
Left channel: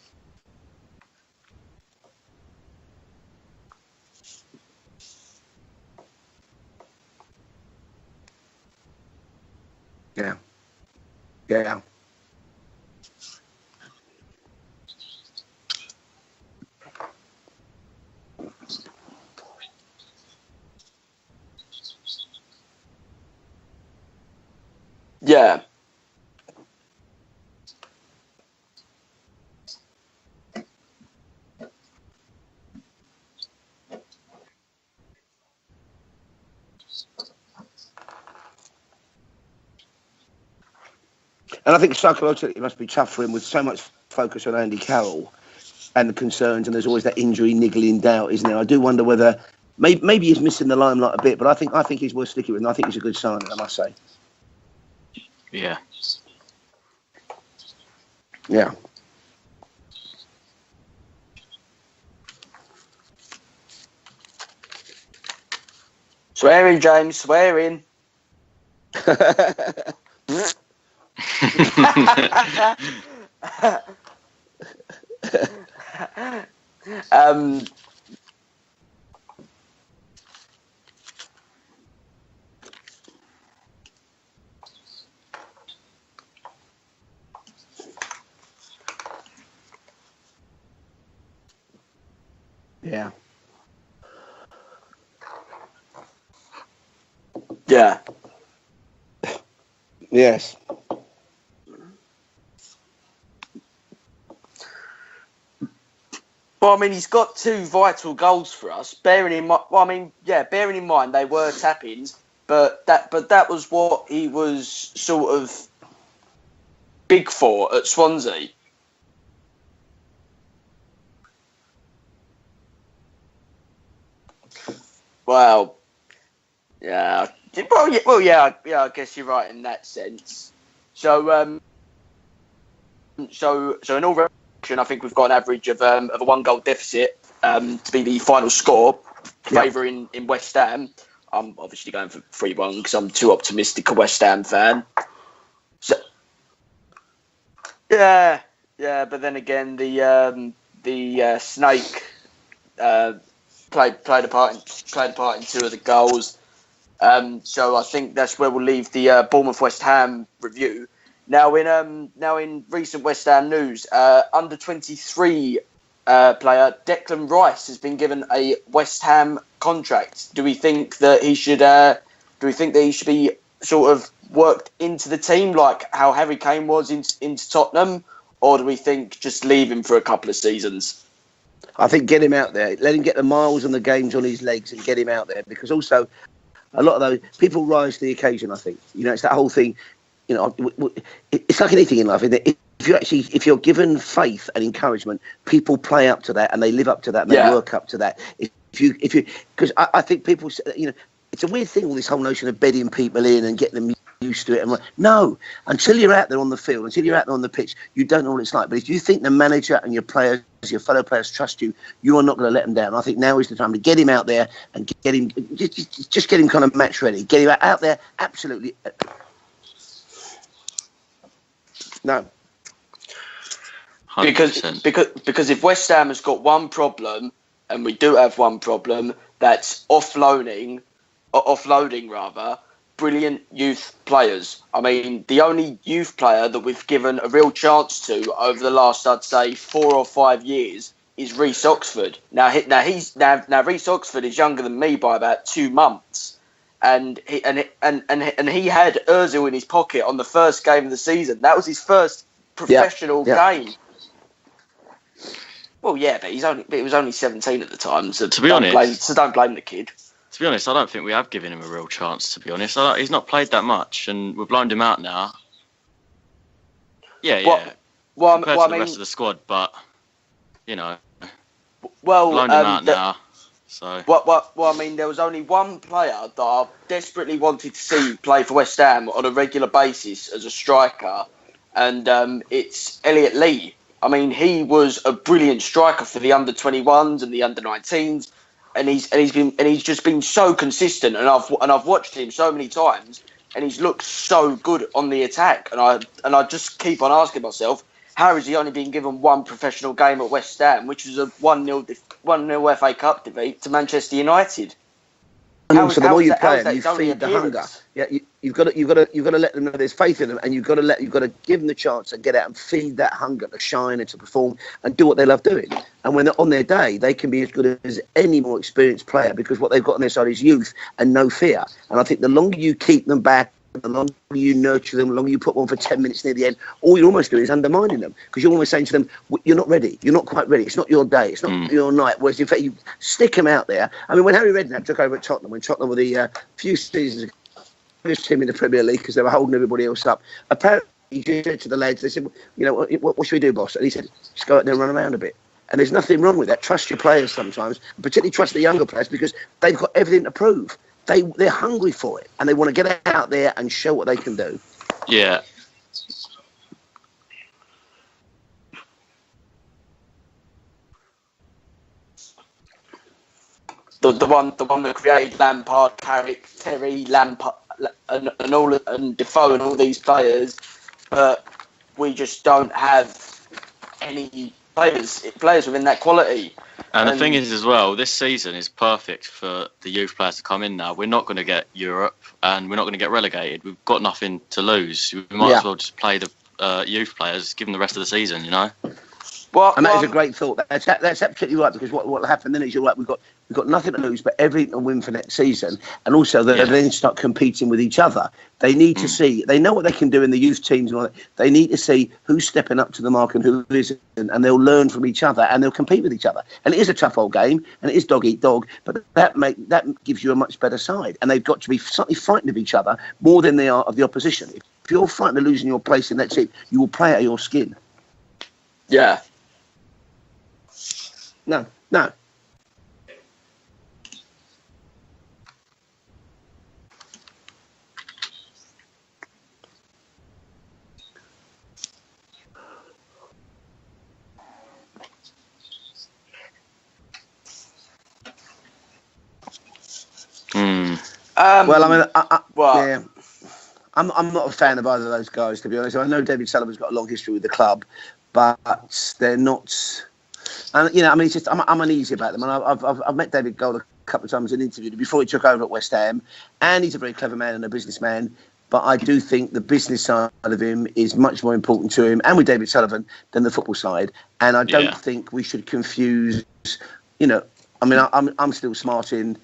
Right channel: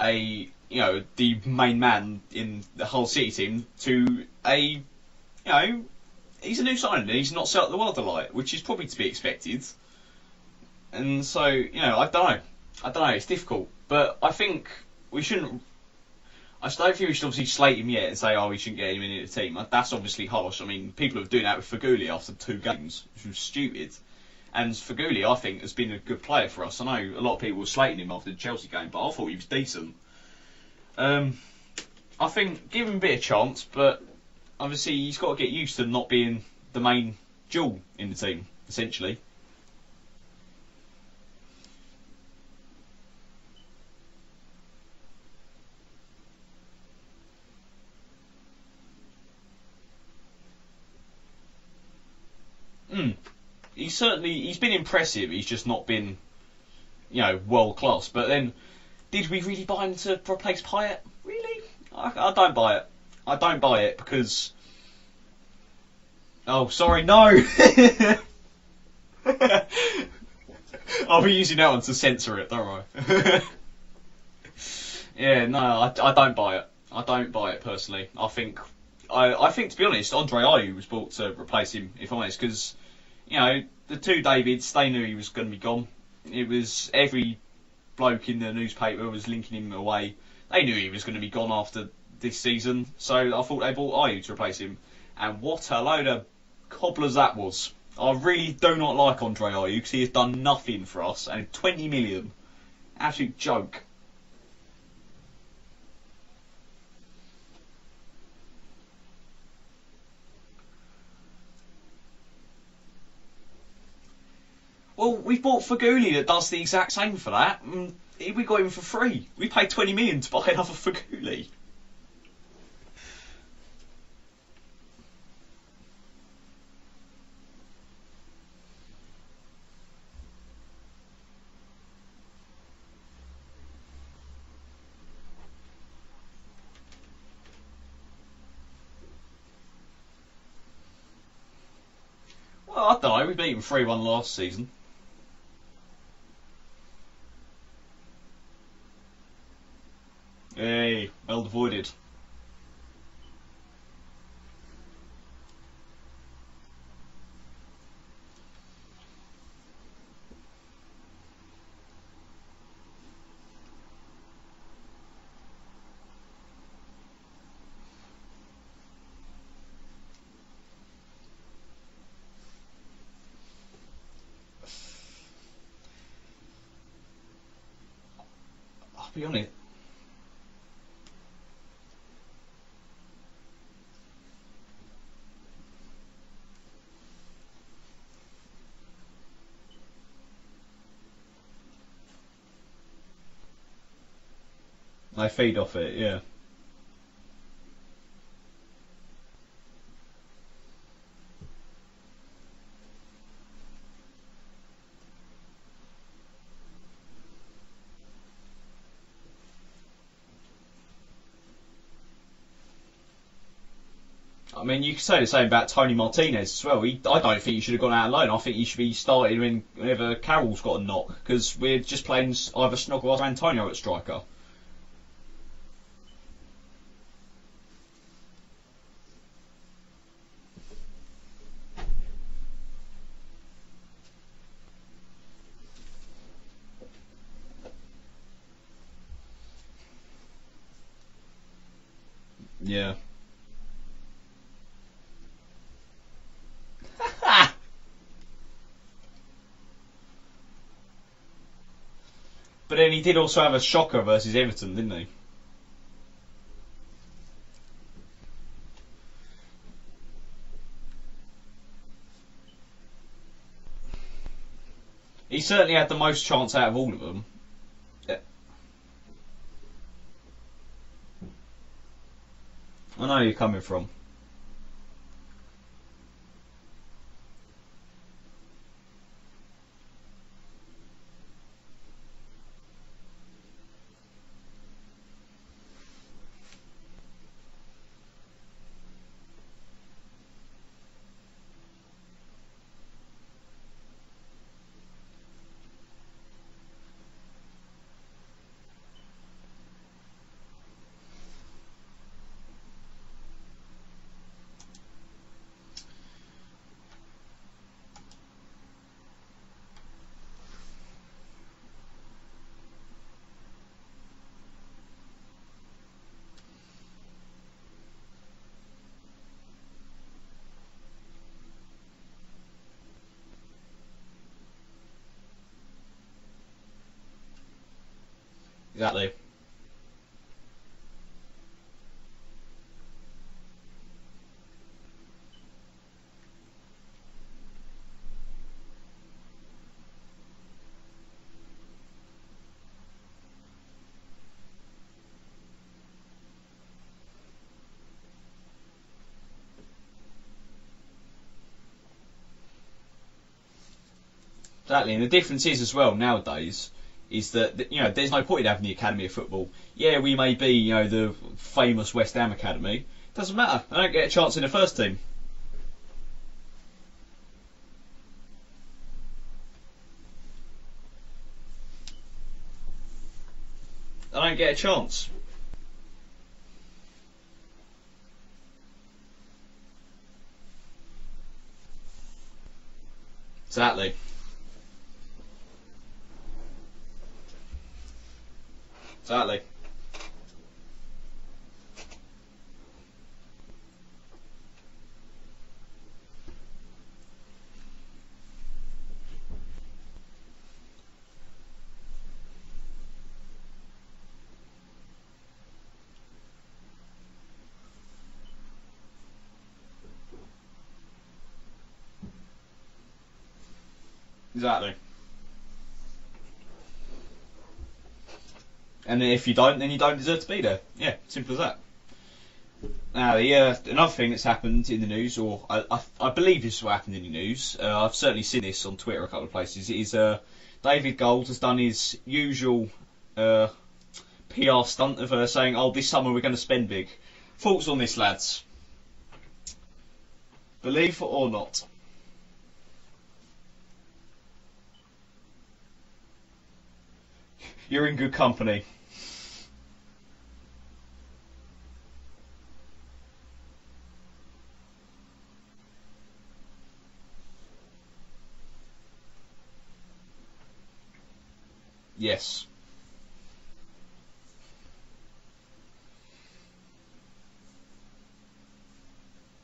the main man in the whole City team to he's a new signing. He's not set up the world alight, which is probably to be expected. Yeah. And so Yeah. I don't know. It's difficult, but I think we shouldn't. I don't think we should obviously slate him yet and say, we shouldn't get him into the team. That's obviously harsh. I mean, people are doing that with Faguli after 2 games, which was stupid. And Faguli, I think, has been a good player for us. I know a lot of people were slating him after the Chelsea game, but I thought he was decent. I think give him a bit of chance, but obviously he's got to get used to not being the main jewel in the team, essentially. And I think psychologically it must be tough for him with so much focus on Andy Carroll and the concerns, and there's always that injury niggling doubt, isn't there? I do wonder whether maybe he's missing the limelight a bit, but I think he's worth sticking with, and I think he's a good signing, I must say. He's been impressive. He's just not been, world class. But then, did we really buy him to replace Payet? Really? I don't buy it. I don't buy it because. Swearing, sorry, James. no. Swearing. I'll be using that one to censor it. Yeah, no, I don't buy it. I don't buy it personally. I think, to be honest, Andre Ayew was brought to replace him, if I'm honest, because, the 2 Davids, they knew he was going to be gone. It was every bloke in the newspaper was linking him away. They knew he was going to be gone after this season, so I thought they brought Ayew to replace him. And what a load of cobblers that was. Yeah. I really do not like Andre Ayew because he has done nothing for us, and 20 million. Absolute joke. Well, I mean, he's got 2 vital goals for us. Bearing in mind they were tap-ins, but that was what he was we bought Faguli that does the exact same big for that. for at Swansea. We got him for free. We paid 20 million to buy another Faguli. Well, yeah. I guess you're right in that sense. So in all reaction, I think we've got an average of a 1-goal deficit to be the final score, favouring in West Ham. I'm obviously going for 3-1 because I'm too optimistic a West Ham fan. So, yeah, but then again, the snake played a part in 2 of the goals. So I think that's where we'll leave the Bournemouth West Ham review. Now in recent West Ham news, under 23 player Declan Rice has been given a West Ham contract. Do we think that he should be sort of worked into the team like how Harry Kane was into Tottenham, or do we think just leave him for a couple of seasons? I think get him out there, let him get the miles and the games on his legs, and get him out there, because also a lot of those people rise to the occasion. I think it's that whole thing. It's like anything in life, isn't it? If you're given faith and encouragement, people play up to that and they live up to that and they work up to that. Because I think people, it's a weird thing, all this whole notion of bedding people in and getting them used to it. And no, until you're out there on the field, until you're out there on the pitch, you don't know what it's like. But if you think the manager and your players, your fellow players trust you, you are not going to let them down. I think now is the time to get him out there. I mean, you can say the same about Tony Martinez. Just get him kind of match ready. Get him out there. I think he should be started whenever Carroll's got a knock, because we're just playing either Snoggle or Antonio at striker. Because if West Ham has got one problem, and we do have one problem, that's offloading brilliant youth players. I mean, the only youth player that we've given a real chance to over the last, I'd say, 4 or 5 years is Reece Oxford. Now Reece Oxford is younger than me by about 2 months, and he had Ozil in his pocket on the first game of the season. That was his first professional game. He did also have a shocker versus Everton, didn't he? Well, yeah, but he was only 17 at the time, so to be honest, don't blame the kid. To be honest, I don't think we have given him a real chance, to be honest. He's not played that much, and we've blown him out now. He certainly had the most chance out of all of them. Yeah. Well, compared to the rest of the squad, but, you know, blown him out now. I know where you're coming from. So. Well, I mean, there was only one player that I desperately wanted to see play for West Ham on a regular basis as a striker, and it's Elliot Lee. I mean, he was a brilliant striker for the under-21s and the under-19s. And he's just been so consistent, and I've watched him so many times, and he's looked so good on the attack, and I just keep on asking myself, how has he only been given one professional game at West Ham, which was a 1-0 FA Cup defeat to Manchester United? And also, the more you play them, you feed the hunger. Yeah, you've got to let them know there's faith in them, and you've got to give them the chance to get out and feed that hunger to shine and to perform and do what they love doing. And when they're on their day, they can be as good as any more experienced player, because what they've got on their side is youth and no fear. And I think the longer you keep them back, the longer you nurture them, the longer you put one for 10 minutes near the end, all you're almost doing is undermining them, because you're almost saying to them, you're not ready, you're not quite ready, it's not your day, it's not your night. Whereas in fact, you stick them out there. I mean, when Harry Redknapp took over at Tottenham, when Tottenham were the few seasons ago, first team in the Premier League, because they were holding everybody else up, apparently he said to the lads, they said, you know, what should we do, boss? And he said, just go out there and run around a bit. And there's nothing wrong with that. Trust your players sometimes, particularly trust the younger players, because they've got everything to prove. They're hungry for it, and they want to get out there and show what they can do. Exactly, and the difference is as well nowadays is that, you know, there's no point in having the Academy of Football. Yeah, we may be, you know, the famous West Ham Academy. Doesn't matter. I don't get a chance in the first team. That created Lampard, Carrick, Terry, Lampard, and Defoe and all these players, but we just don't have any players within that quality. And the thing is as well, this season is perfect for the youth players to come in now. We're not going to get Europe, and we're not going to get relegated. Exactly. We've got nothing to lose. We might as well just play the youth players, give them the rest of the season, you know? Exactly. And that is a great thought. That's absolutely right, because what will happen then is, you're right, we've got nothing to lose but everything to win for next season, and also they then start competing with each other. They need to see, they know what they can do in the youth teams, and all that. They need to see who's stepping up to the mark and who isn't, and they'll learn from each other, and they'll compete with each other. And it is a tough old game, and it is dog eat dog, but that gives you a much better side, and they've got to be slightly frightened of each other more than they are of the opposition. Exactly. If you're frightened of losing your place in that team, you will play out your skin. And if you don't, then you don't deserve to be there. Yeah, simple as that. No. Now, another thing that's happened in the news, or I believe this is what happened in the news, I've certainly seen this on Twitter a couple of places, is David Gold has done his usual PR stunt of saying, this summer we're going to spend big. Thoughts on this, lads? Believe it or not? Well, I mean, I'm not a fan of either of those guys, to be honest. I know David Sullivan's got a long history with the club. You're in good company. But they're not... And, you know, I mean, it's just, I'm uneasy about them. And I've met David Gold a couple of times in interview before he took over at West Ham. And he's a very clever man and a businessman. But I do think the business side of him is much more important to him, and with David Sullivan, than the football side. And I don't think we should confuse, you know, I mean, I'm still smart in...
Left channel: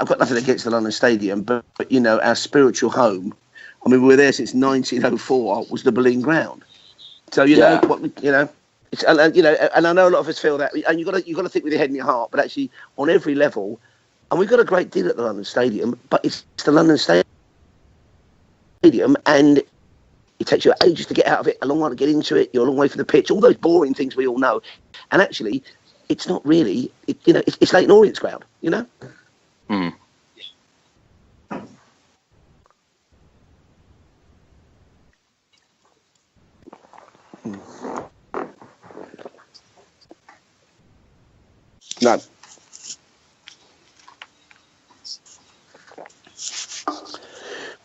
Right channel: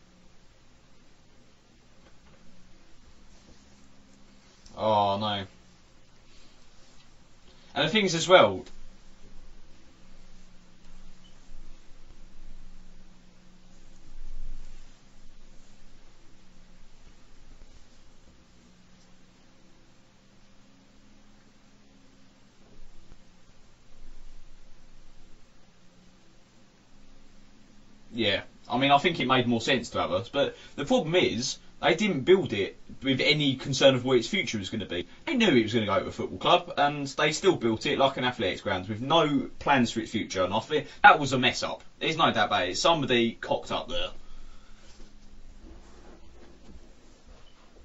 I've got nothing against the London Stadium, but you know, our spiritual home... I mean, we were there since 1904. Was the Boleyn Ground. So you know, the things as well. You know, and I know a lot of us feel that, and you've got to think with your head and your heart. But actually, on every level, and we've got a great deal at the London Stadium, but it's the London Stadium, and it takes you ages to get out of it, a long way to get into it. You're a long way from the pitch. All those boring things we all know, and actually, it's not really. It's Leighton Orient's ground. You know, I mean, I think it made more sense to others, but the problem is they didn't build it with any concern of where its future was going to be. They knew it was going to go to a football club, and they still built it like an athletics ground with no plans for its future. And I think that was a mess up. There's no doubt about it. Somebody cocked up there.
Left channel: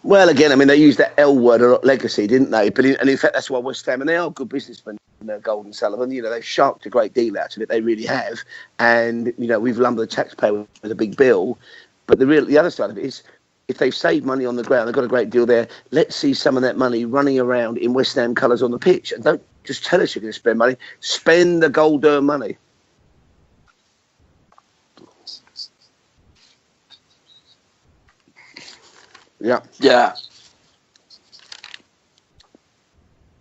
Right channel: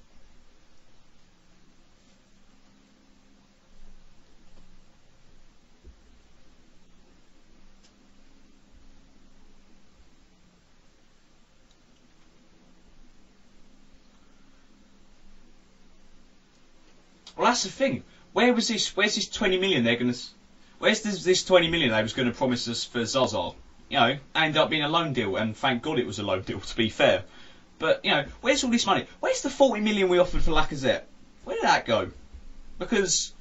Well, again, I mean, they used that L word a lot, legacy, didn't they? But in fact, that's why West Ham, and they are good businessmen, Golden Sullivan. You know, they've sharked a great deal out of it. They really have. And, you know, we've lumbered the taxpayer with a big bill. But the other side of it is, if they've saved money on the ground, they've got a great deal there. Let's see some of that money running around in West Ham colours on the pitch. Where's this 20 million? Just tell us you're going to spend money. Spend the gold money. Promised us for Zaza. You know, ended up being a loan deal, and thank God it was a loan deal, to be fair. But, you know, where's all this money? Where's the 40 million we offered for Lacazette? Where did that go? Because...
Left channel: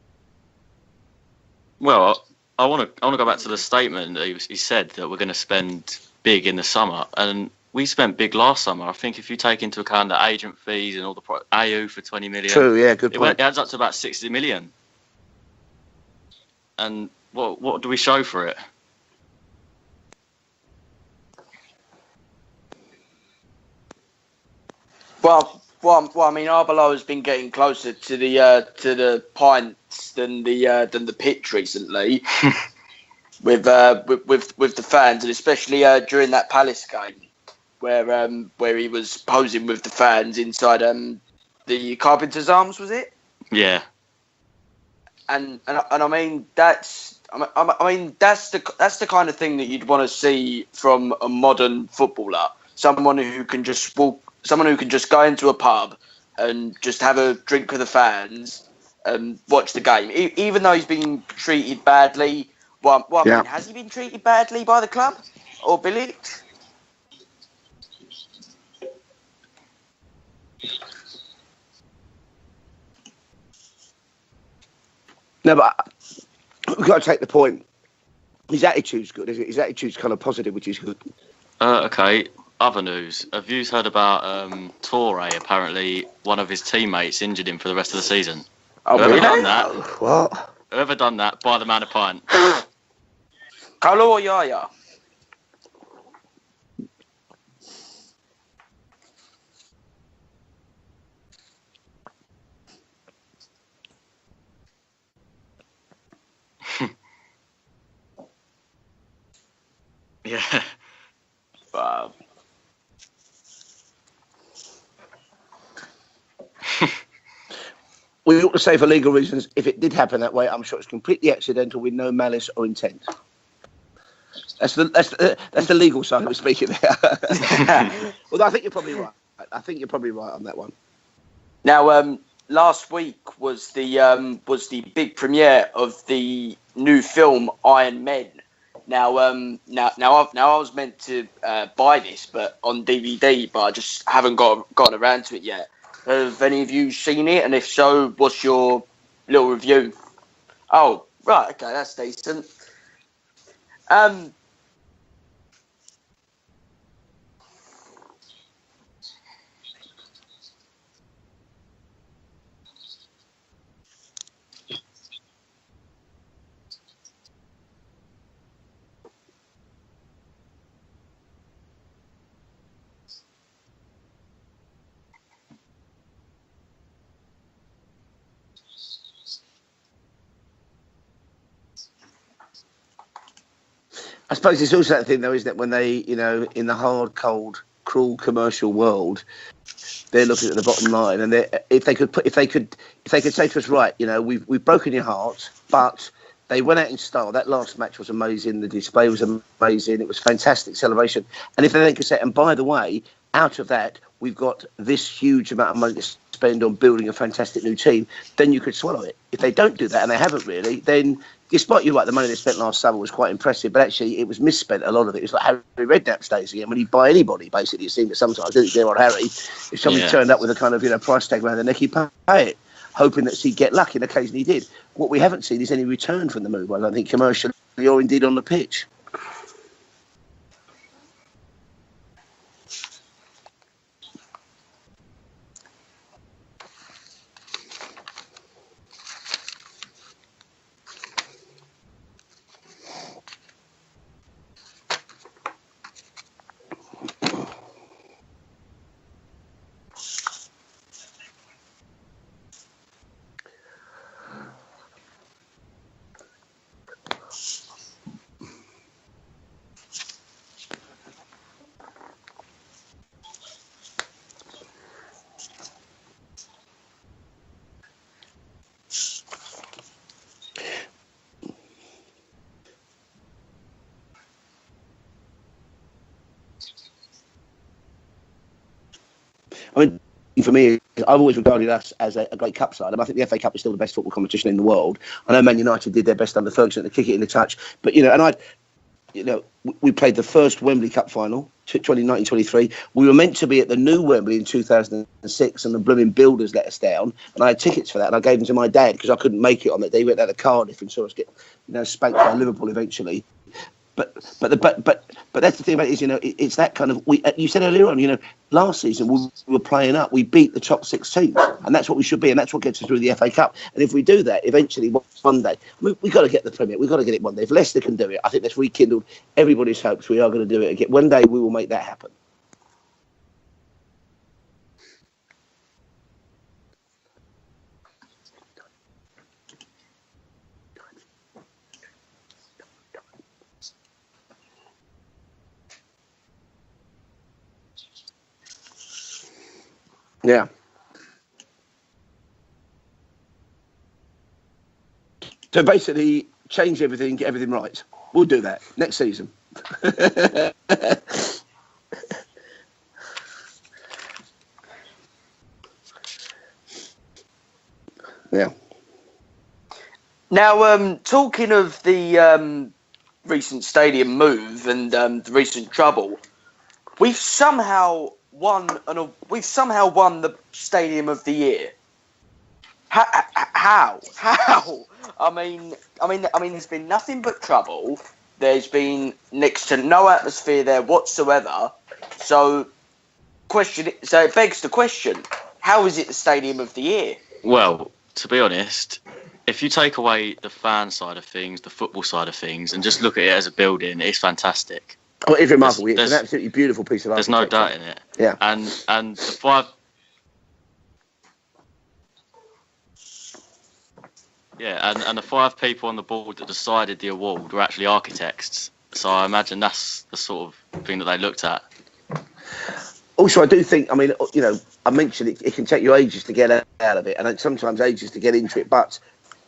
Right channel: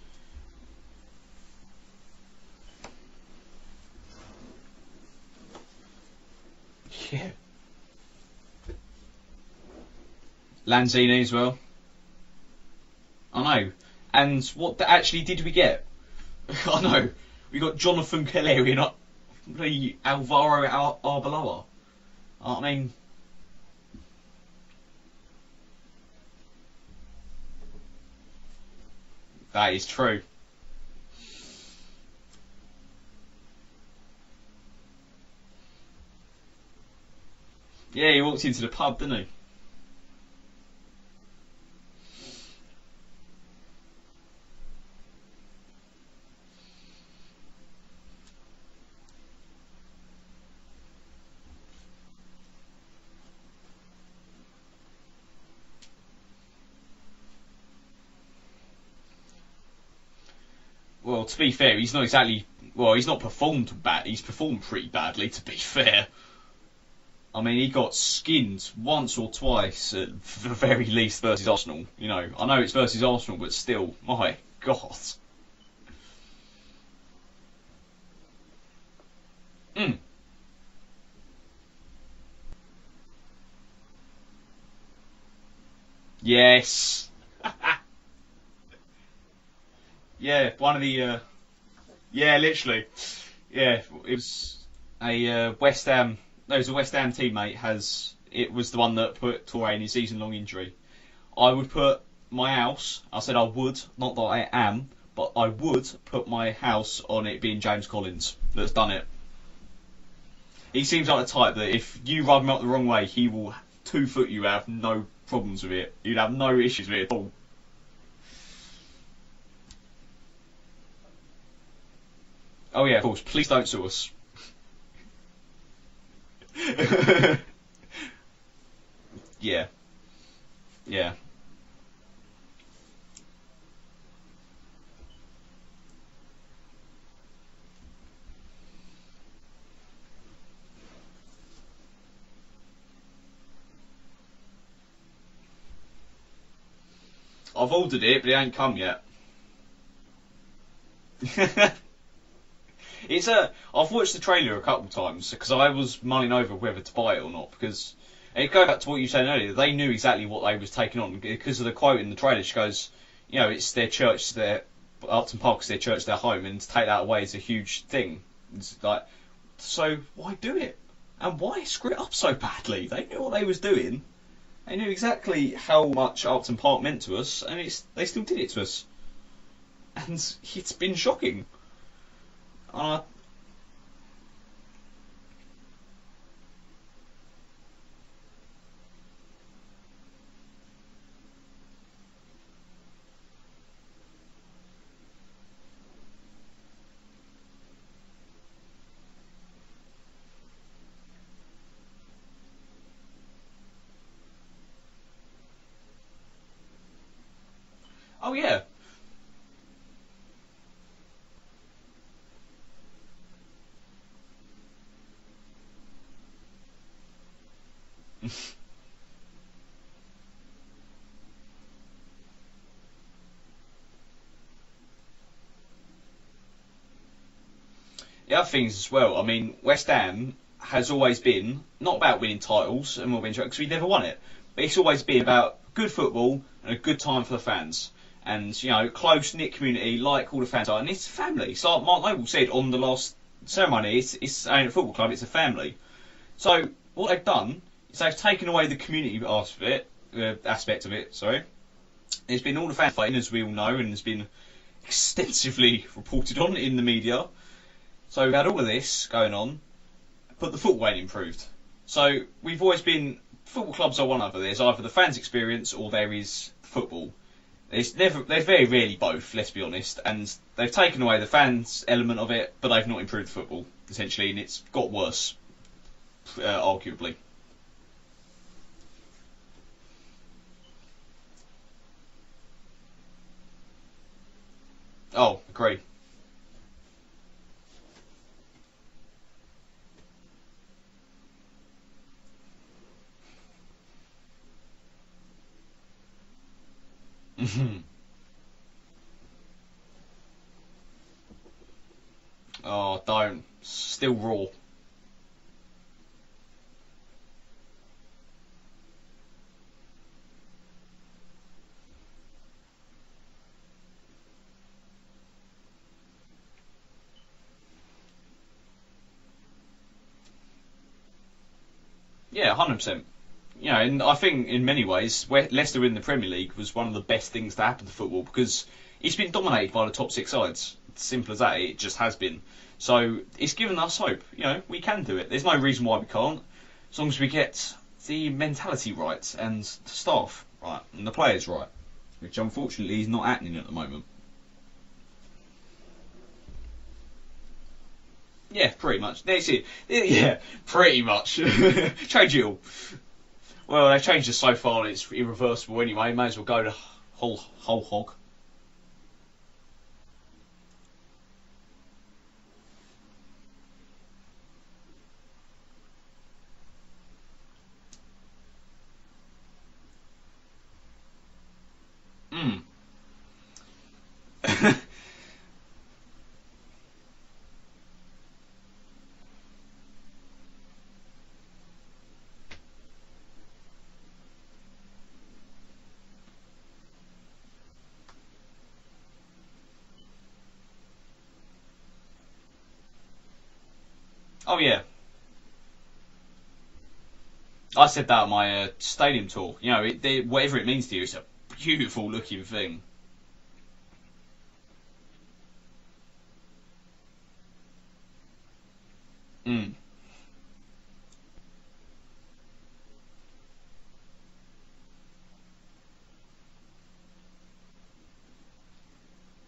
Well, I want to go back to the statement that he said that we're going to spend big in the summer, and we spent big last summer. I think if you take into account the agent fees, Lanzini as well. AU for 20 million. True, yeah, good point. It adds up to about 60 and million. What actually did we get? I know. What do we show for it? We're not Alvaro Arbeloa. I mean... Well, I mean, Arbeloa has been getting closer to the Pines than the pitch recently, with the fans, and especially during that Palace game, where he was posing with the fans inside the Carpenter's Arms, was it? Yeah. And I mean that's the kind of thing that you'd want to see from a modern footballer, someone who can just go into a pub and just have a drink with the fans and watch the game, even though he's been treated badly. Has he been treated badly by the club or Billy? I mean, he got skinned once or twice, at the very least, versus Arsenal. You know, I know it's versus Arsenal, but still, my God. No, but we've got to take the point. His attitude's good, isn't it? His attitude's kind of positive, which is good. Okay. Other news. Have you heard about Toure? Apparently, one of his teammates injured him for the rest of the season. Oh, Whoever really? done that? What? Yeah, Whoever done that, buy the man a pint. Yeah, literally. Yeah. Carlo or Yaya? A West Ham. No, it was a West Ham teammate. It was the one that put Toure in his season-long injury. I would put my house. I said I would, not that I am, but I would put my house on it being James Collins that's done it. Yeah. He seems like the type that if you rub him up the wrong way, he will 2-foot you out, no problems with it. You'd have no issue with it at all. We ought to say for legal reasons, if it did happen that way, I'm sure it's completely accidental with no malice or intent. Oh yeah, of course. Please don't sue us. That's the legal side of it speaking. Well, I think you're probably right. Yeah. I think you're probably right on that one. Yeah. Now, last week was the big premiere of the new film Iron Men. Now I was meant to buy this, but on DVD, but I just haven't gotten around to it yet. Have any of you seen it? And if so, what's your little review? Oh, right, okay, that's decent. I've watched the trailer a couple of times because I was mulling over whether to buy it or not, because it goes back to what you said earlier. They knew exactly what they was taking on because of the quote in the trailer. She goes, you know, it's their church, Upton Park is their church, their home, and to take that away is a huge thing. It's like, so why do it? And why screw it up so badly? They knew what they was doing. They knew exactly how much Upton Park meant to us, and they still did it to us. And it's been shocking. I suppose it's also that thing, though, isn't it? When they, you know, in the hard, cold, cruel commercial world, they're looking at the bottom line, and if they could say to us, right, you know, we've broken your heart, but they went out in style. That last match was amazing. The display was amazing. It was fantastic celebration. And if they then could say, and by the way, out of that, we've got this huge amount of money to spend on building a fantastic new team, then you could swallow it. If they don't do that, and they haven't really, then despite the money they spent last summer was quite impressive, but actually it was misspent, a lot of it. It was like Harry Redknapp's days again, when he'd buy anybody, basically. It seemed that sometimes, didn't it, on Harry? If somebody turned up with a kind of, you know, price tag around their neck, he'd pay it, hoping that he'd get lucky, and occasionally he did. What we haven't seen is any return from the move, I don't think, commercially or indeed on the pitch. As well, I mean, West Ham has always been, not about winning titles and more because we never won it, but it's always been about good football and a good time for the fans. And, you know, close-knit community, like all the fans are. And it's family. It's like Mark Noble said on the last ceremony, it's ain't a football club, it's a family. So, what they've done is they've taken away the community aspect of it, There's been all the fan fighting, as we all know, and it's been extensively reported on in the media. So we've had all of this going on, but the football ain't improved. So we've always been, football clubs are one other. There's either the fans' experience or there is football. There's very rarely both, let's be honest, and they've taken away the fans' element of it, but they've not improved the football, essentially, and it's got worse, arguably. I mean, for me, I've always regarded us as a great cup side. I think the FA Cup is still the best football competition in the world. I know Man United did their best under Ferguson to kick it in the touch, but we played the first Wembley Cup final, 2019-23. We were meant to be at the new Wembley in 2006, and the blooming builders let us down. And I had tickets for that, and I gave them to my dad because I couldn't make it on that day. He went out to Cardiff and saw us get, spanked by Liverpool eventually. Don't. Still raw. But that's the thing about it is, it's that kind of. You said earlier on, last season we were playing up. We beat the top 6 teams, and that's what we should be, and that's what gets us through the FA Cup. And if we do that, eventually one day, we've got to get the Premier. We've got to get it one day. If Leicester can do it, I think that's rekindled everybody's hopes. We are going to do it again. One day we will make that happen. Yeah, 100%. And I think in many ways, Leicester in the Premier League was one of the best things to happen to football because it's been dominated by the top 6 sides. It's simple as that. It just has been. So it's given us hope. We can do it. There's no reason why we can't, as long as we get the mentality right and the staff right and the players right, which unfortunately is not happening at the moment. So basically, change everything, get everything right. We'll do that next season. That's it. Yeah, pretty much. Change it all. Well, they've changed it so far and it's irreversible anyway. May as well go to whole hog. Yeah. Now, talking of the recent stadium move and the recent trouble, we've somehow won the Stadium of the Year. How? I mean, there's been nothing but trouble. There's been next to no atmosphere there whatsoever. So it begs the question: how is it the Stadium of the Year? Well, to be honest, if you take away the fan side of things, the football side of things, and just look at it as a building, it's fantastic. Oh, yeah. Oh, it's remarkable. It's an absolutely beautiful piece of art. There's no doubt. I said that on my and stadium the talk. Whatever it means to you, it's a beautiful looking thing. Yeah, and the 5 people on the board that decided the award were actually architects. So I imagine that's the sort of thing that they looked at. Also, I do think, I mentioned it can take you ages to get out of it, and sometimes ages to get into it, but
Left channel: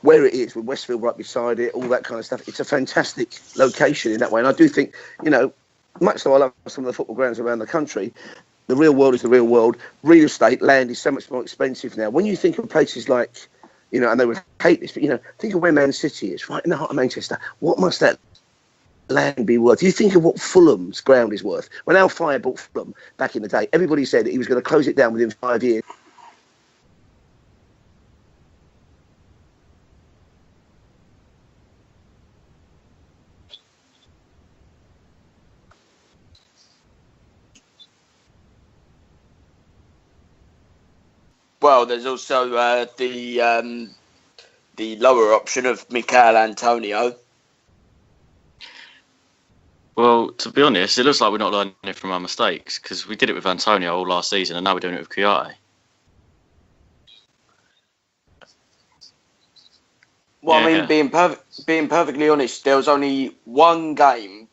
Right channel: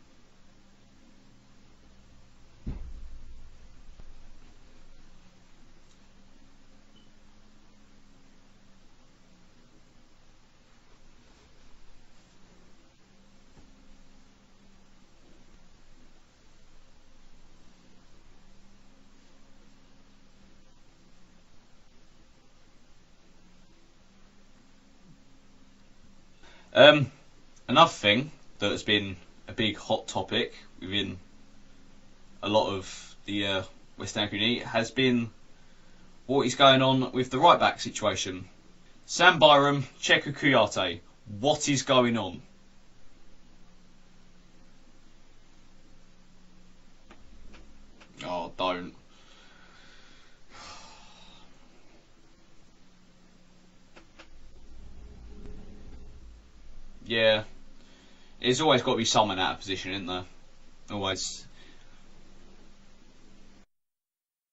where it is, with Westfield right beside it, all that kind of stuff, it's a fantastic location in that way. And I do think, much though I love some of the football grounds around the country, the real world is the real world. Real estate, land is so much more expensive now. When you think of places like, and they would hate this, but, think of where Man City is, right in the heart of Manchester. What must that land be worth? You think of what Fulham's ground is worth. When Al Fire bought Fulham back in the day, everybody said that he was going to close it down within 5 years. Another thing that has been a big hot topic within a lot of the West Ham community has been what is going on with the right back situation. Sam Byram, Cheku Kouyaté. What is going on? Well, there's also the lower option of Mikel Antonio. Oh, don't. Well, to be honest, it looks like we're not learning from our mistakes because we did it with Antonio all last season and now we're doing it with Kouyaté. Yeah. There's always got to be someone out of position, isn't there? Well, being perfectly honest, there was only one game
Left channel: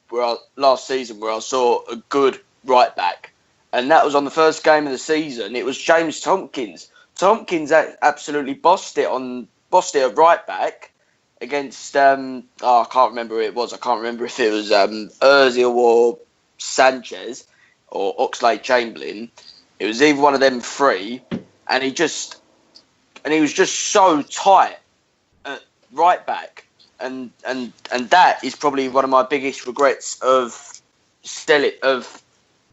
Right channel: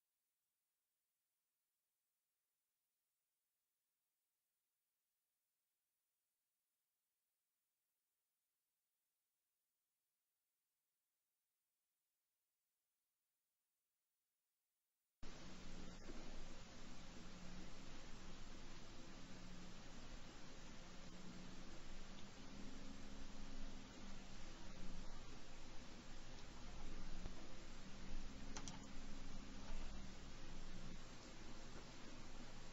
last season where I saw a good right back, and that was on the first game of the season. It was James Tompkins. Tompkins absolutely bossed it at right back against I can't remember who it was. I can't remember if it was Ozil or Sanchez or Oxlade-Chamberlain. It was either one of them 3, and he was just so tight at right back, and that is probably one of my biggest regrets of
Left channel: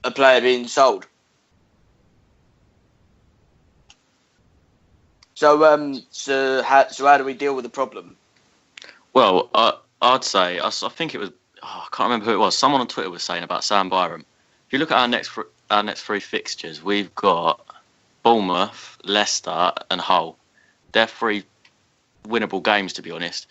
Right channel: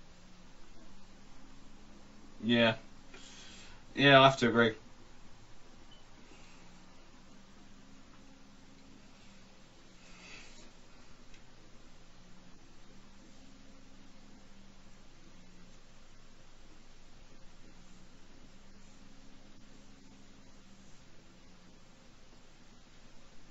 a player being sold. Yeah, I have to agree. So how do we deal with the problem? Well, I'd say I think it was I can't remember who it was. Someone on Twitter was saying about Sam Byram. If you look at our next 3 fixtures, we've got Bournemouth, Leicester, and Hull. They're 3 winnable games, to be honest.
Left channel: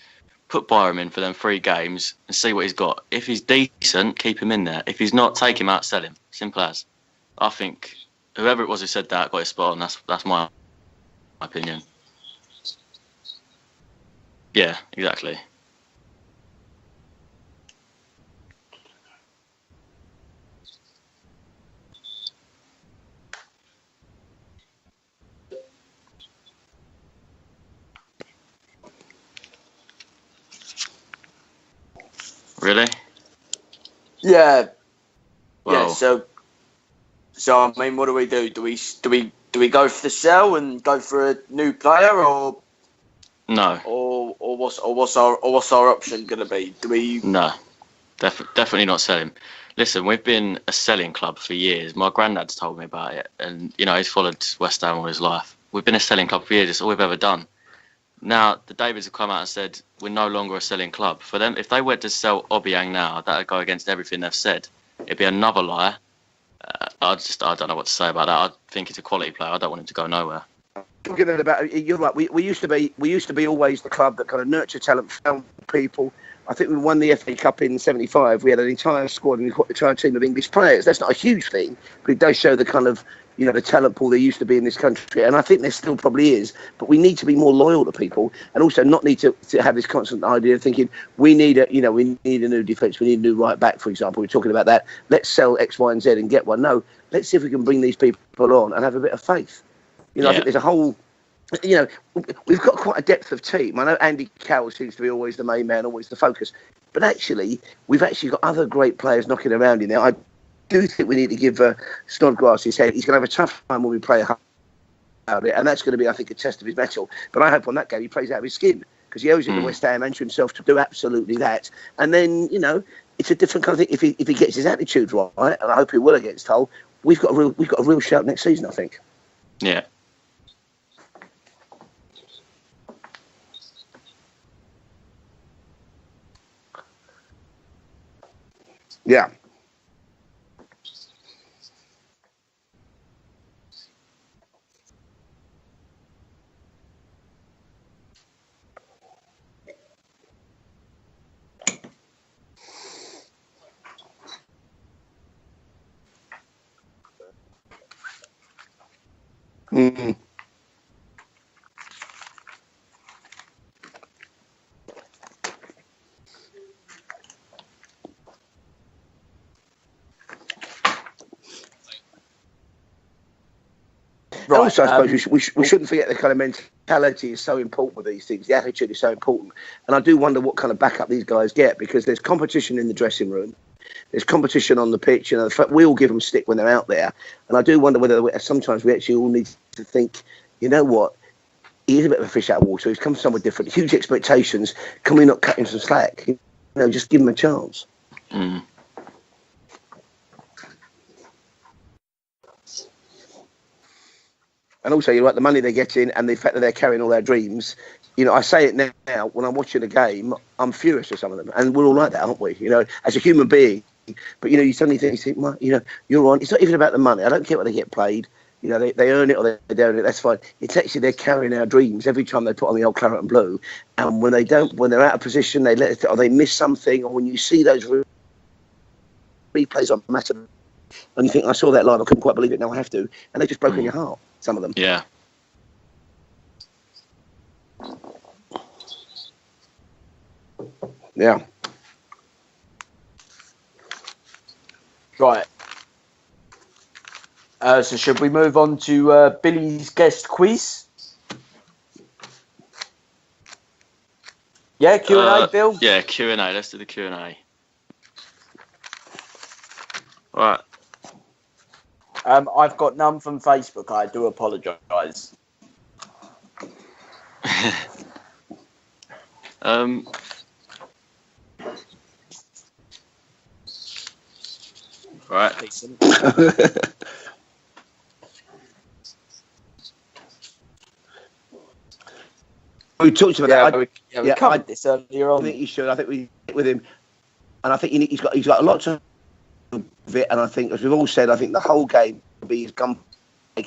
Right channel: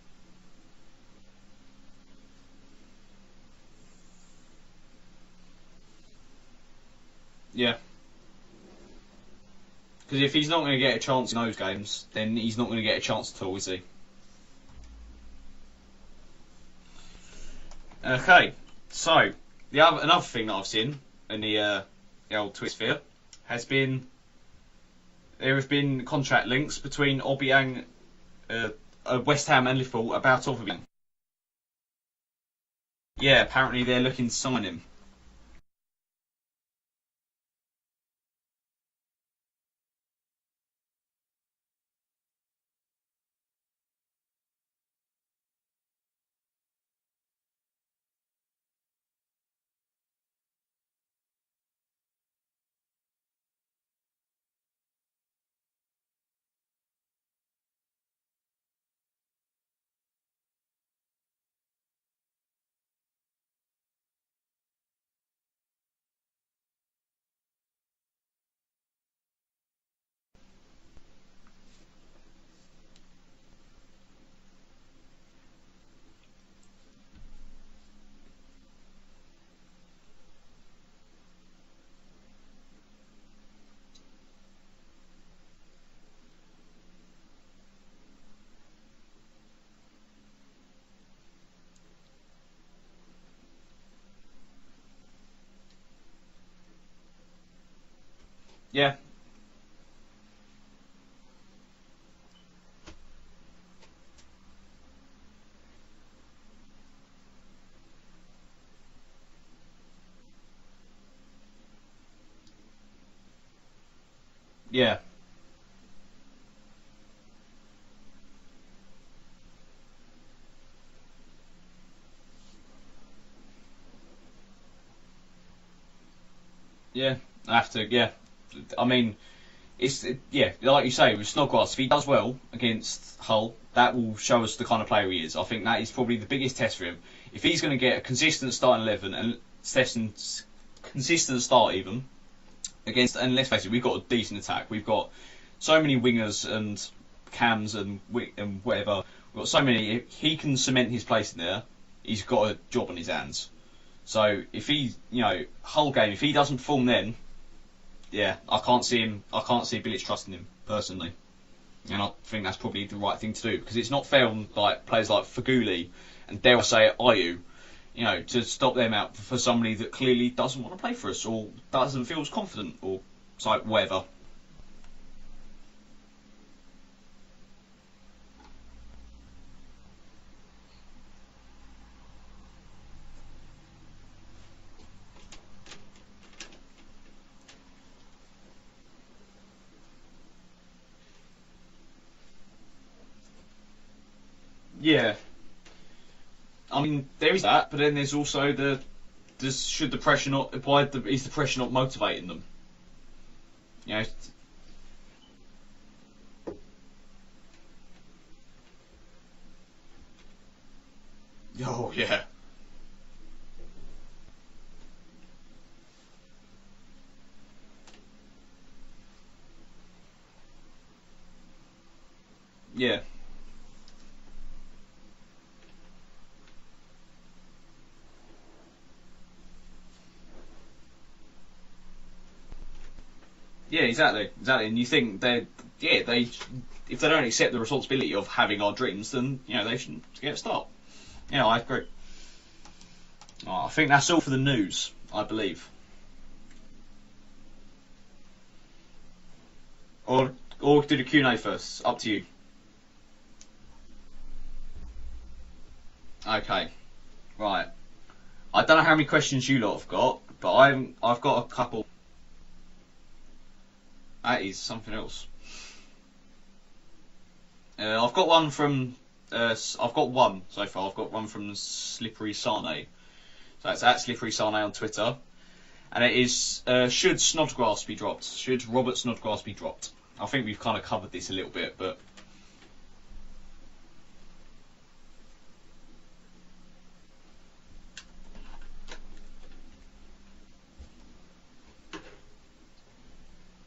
Put Byram in for them 3 games and see what he's got. If he's decent, keep him in there. If he's not, take him out, sell him. Simple as. I think whoever it was who said that got it spot on. That's If my he's not going to get a chance in those opinion. games, then he's not going to get a chance at all, is he? Yeah, exactly. Okay, so another thing that I've seen in the old Twitter sphere has been there have been contract links between Obiang, West Ham and Liverpool about Obiang. Really? Yeah, apparently they're looking to sell him. Well, Yeah. So I mean, what do we do? Do we go for the sell and go for a new player, or no. or what's our option going to be? Do we? No. Definitely not selling. Listen, we've been a selling club for years. My granddad's told me about it, and he's followed West Ham all his life. We've been a selling club for years. It's all we've ever done. Now the Davids have come out and said we're no longer a selling club. For them, if they were to sell Obiang now, that would go against everything they've said. It'd be another lie. I don't know what to say about that. I think he's a quality player. I don't want him to go nowhere. Talking about, you're right. We used to be always the club that kind of nurtured talent, found people. I think we won the FA Cup in '75. We had an entire squad and an entire team of English players. That's not a huge thing, but it does show the kind of the talent pool there used to be in this country. And I think there still probably is. But we need to be more loyal to people, and also not need to have this constant idea of thinking we need a new defence, we need a new right back, for example. We're talking about that. Let's sell X, Y, and Z and get one. No, let's see if we can bring these people on and have a bit of faith. I think there's a whole. We've got quite a depth of team. I know Andy Carroll seems to be always the main man, always the focus. But actually, we've actually got other great players knocking around in there. I do think we need to give Snodgrass his head. He's going to have a tough time when we play about it, and that's going to be, I think, a test of his mettle. But I hope on that game he plays out of his skin, because he owes it to West Ham and to himself to do absolutely that. And then, it's a different kind of thing. If he gets his attitude right, and I hope he will against Hull, we've got a real shout next season, I think. I mean, like you say, with Snodgrass, if he does well against Hull, that will show us the kind of player he is. I think that is probably the biggest test for him. If he's going to get a consistent starting 11, consistent start even against, and let's face it, we've got a decent attack. We've got so many wingers and cams and whatever. We've got so many. If he can cement his place in there, he's got a job on his hands. So if he, Hull game, if he doesn't form then. Yeah, I can't see him really trusting him personally, and I think that's probably the right thing to do, because it's not fair on players like Faguli and dare I say it, Ayew, to stop them out for somebody that clearly doesn't want to play for us or doesn't feel as confident or whatever. Right. Also, I suppose we shouldn't forget the kind of mentality is so important with these things. The attitude is so important, and I do wonder what kind of backup these guys get, because there's competition in the dressing room. There's competition on the pitch, and we all give them stick when they're out there. And I do wonder whether sometimes we actually all need to think, you know what, he is a bit of a fish out of water. He's come somewhere different, huge expectations. Yeah. Can we not cut him some slack? Just give him a chance. But then there's also is the pressure not motivating them? And also, you're right, the money they're getting and the fact that they're carrying all their dreams. I say it now when I'm watching a game, I'm furious with some of them, and we're all like that, aren't we? As a human being. But you suddenly think, well, you're on. It's not even about the money. I don't care what they get paid. They earn it or they don't earn it. That's fine. It's actually they're carrying our dreams every time they put on the old claret and blue. And when they don't, when they're out of position, they let it, or they miss something. Or when you see those replays on matter, and you think, I saw that live, I couldn't quite believe it. Now I have to, and they just broke it. Exactly. You think they if they don't accept the responsibility of having our dreams, then they shouldn't get a start. Yeah, I agree. I think that's all for the news, I believe. So should we move on to Billy's guest quiz? Or do the Q&A first? Up to you. Yeah, Q&A, Bill? Yeah, Q&A. Okay. Let's do the Q&A. Right. I don't know how many questions you lot have got. Right. I've got a couple. I've got none from Facebook. I do apologise. I've got one from... I've got one so far. I've got one from Slippery Sane. So it's at Slippery Sane on Twitter. Right. And it is, should Snodgrass be dropped? Should Robert Snodgrass be dropped? I think we've kind of covered this a little bit, but... We talked about that. We covered this earlier on. I think you should. I think we hit with him. And I think he's got a lot to it. And I think, as we've all said, I think the whole game will be his gun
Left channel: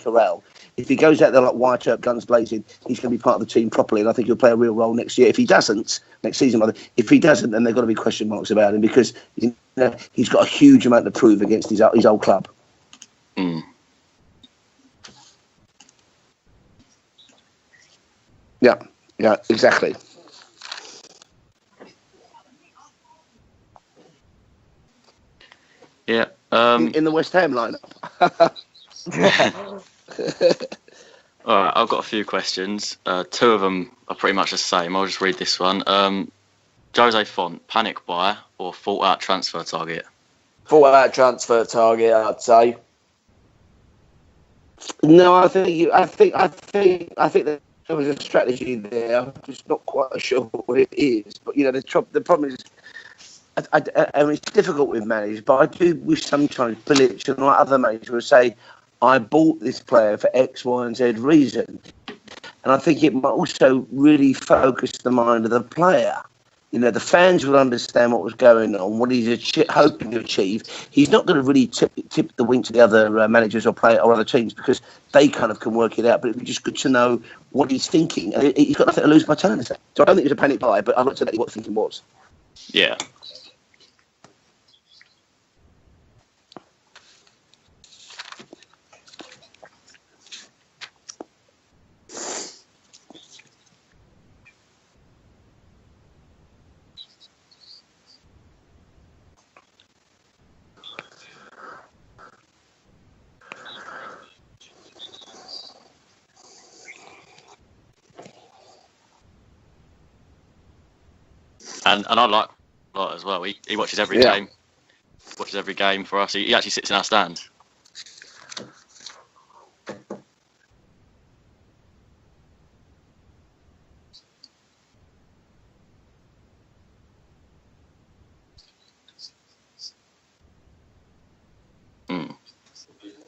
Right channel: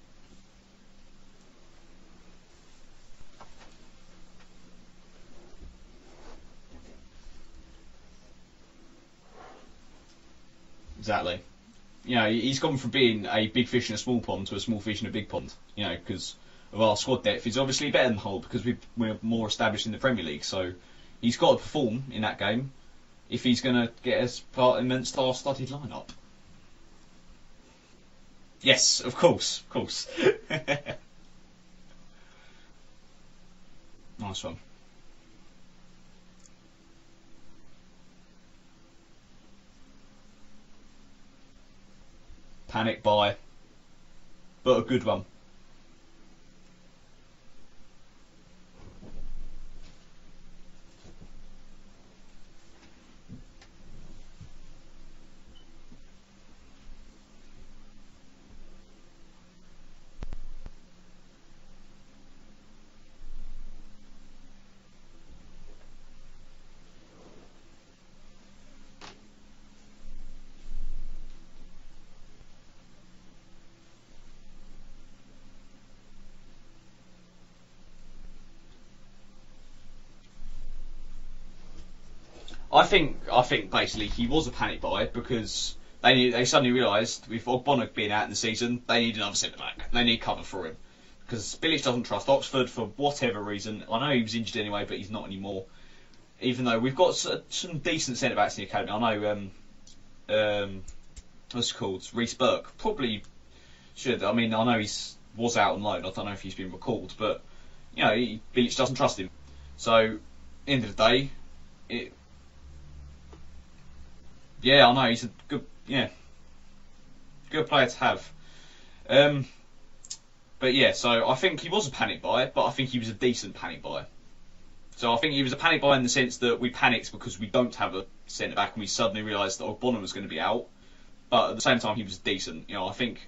corral. If he goes out there like Wyatt Earp, guns blazing, he's going to be part of the team properly, and I think he'll play a real role next year. If he doesn't, next season, if he doesn't, then there've got to be question marks about him, because he's he's got a huge amount to prove against his old club. He's gone from being a big fish in a small pond to a small fish in a big pond. Because of our squad depth, he's obviously better than Hull because we're more established in the Premier League. So he's got to perform in that game if he's going to get us part in the star-studded lineup. Yeah. In the West Ham lineup. Yes, of course. All right, I've got a few questions. Two of them are pretty much the same. I'll just read this one. Jose Font, panic buy or thought out transfer target? Thought out transfer target, I'd say. Panic buy. But a good one. No, I think that there was a strategy there. I'm just not quite sure what it is. But the problem is, I mean, it's difficult with managers. But I do wish sometimes Bilic and like other managers would say, "I bought this player for X, Y, and Z reason," and I think it might also really focus the mind of the player. The fans will understand what was going on, what he's hoping to achieve. He's not going to really tip the wink to the other managers or other teams because they kind of can work it out. But it'd be just good to know what he's thinking. And he's got nothing to lose by telling us that. So I don't think it was a panic buy, but I'm not telling you what the thinking was. Yeah. I think basically he was a panic buy because they suddenly realised with Ogbonna being out in the season, they need another centre back. They need cover for him because Bilic doesn't trust Oxford for whatever reason. I know he was injured anyway, but he's not anymore. Even though we've got some decent centre backs in the academy, I know what's it called, Reece Burke probably should. I mean, I know he was out on loan. I don't know if he's been recalled, but Bilic doesn't trust him. So, end of the day, and I like that as well. He watches every game. Yeah, I know. He watches every game for us. He actually sits in our stand. Good player to have. But yeah, so I think he was a panic buy, but I think he was a decent panic buy. So I think he was a panic buy in the sense that we panicked because we don't have a centre back and we suddenly realised that Ogbonna was going to be out. But at the same time, he was decent. I think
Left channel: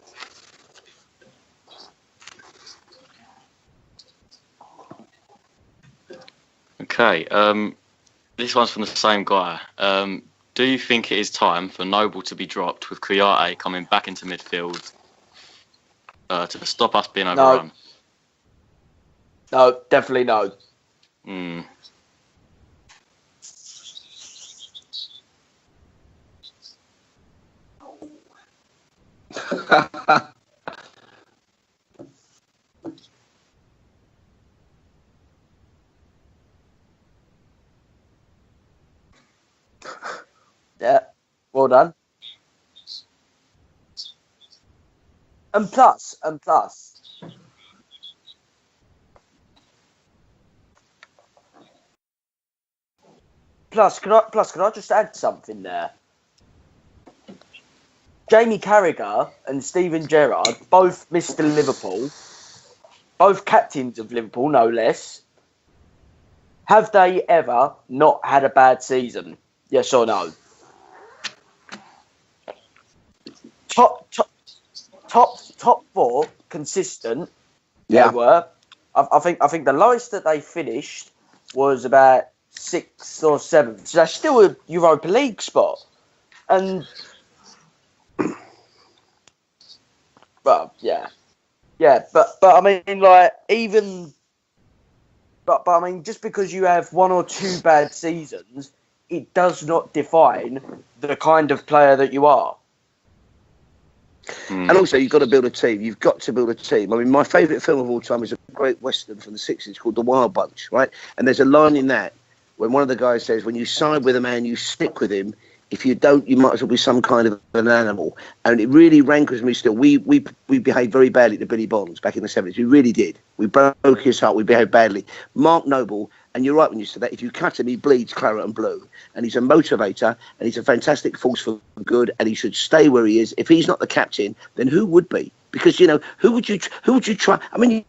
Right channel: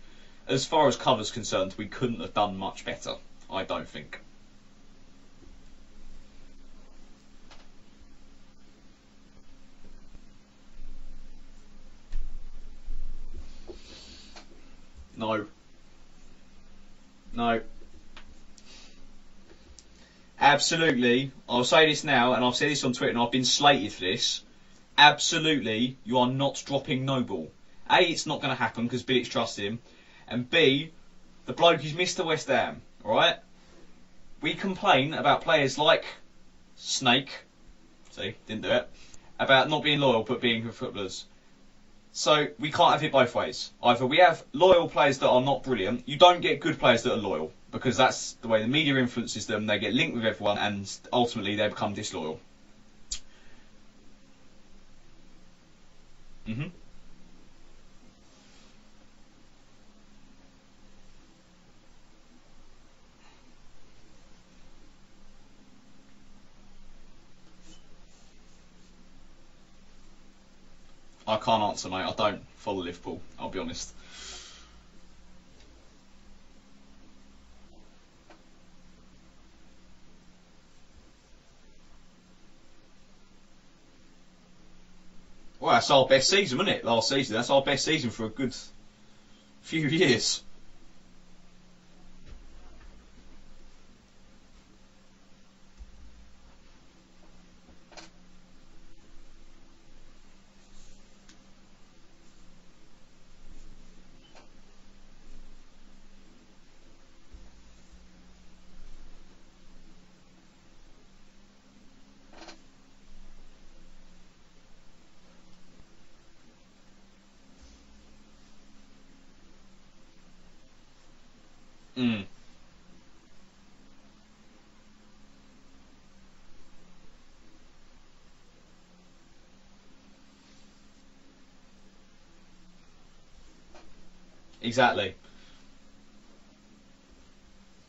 as far as cover's concerned, we couldn't have done much better. I don't think. Okay. This one's from the same guy. Do you think it is time for Noble to be dropped with Kouyaté coming back into midfield? No. To stop us being overrun? No, definitely no. Absolutely. I'll say this now, and I've said this on Twitter, and I've been slated for this. Absolutely, you are not dropping Noble. A, it's not going to happen because Bilic trusts him. And B, the bloke is Mr. West Ham, alright? We complain about players like Snake, see, didn't do it, about not being loyal but being good for us. Well done. So we can't have it both ways. Either we have loyal players that are not brilliant, you don't get good players that are loyal. Because that's the way the media influences them. They get linked with everyone, and ultimately they become disloyal. Plus, can I just add something there? Jamie Carragher and Steven Gerrard, both Mr. Liverpool, both captains of Liverpool, no less. Have they ever not had a bad season? Yes or no? I can't answer, mate. I don't follow Liverpool. I'll be honest. Top four, consistent. Yeah. They were. I think the lowest that they finished was about 6th or 7th. So that's still a Europa League spot. Well, that's our best season, isn't it? Last season. That's our best season for a good few years. But yeah, but I mean, like even. But I mean, just because you have one or two bad seasons, it does not define the kind of player that you are. And also, you've got to build a team. You've got to build a team. I mean, my favourite film of all time is a great Western from the 60s called The Wild Bunch, right? And there's a line in that when one of the guys says, when you side with a man, you stick with him. If you don't, you might as well be some kind of an animal. And it really rankles me still. We behaved very badly to Billy Bonds back in the 70s. We really did. We broke his heart. We behaved badly. Mark Noble, and you're right when you said that, if you cut him, he bleeds claret and blue. And he's a motivator, and he's a fantastic force for good, and he should stay where he is. If he's not the captain, then who would be? Because, who would you try? I mean,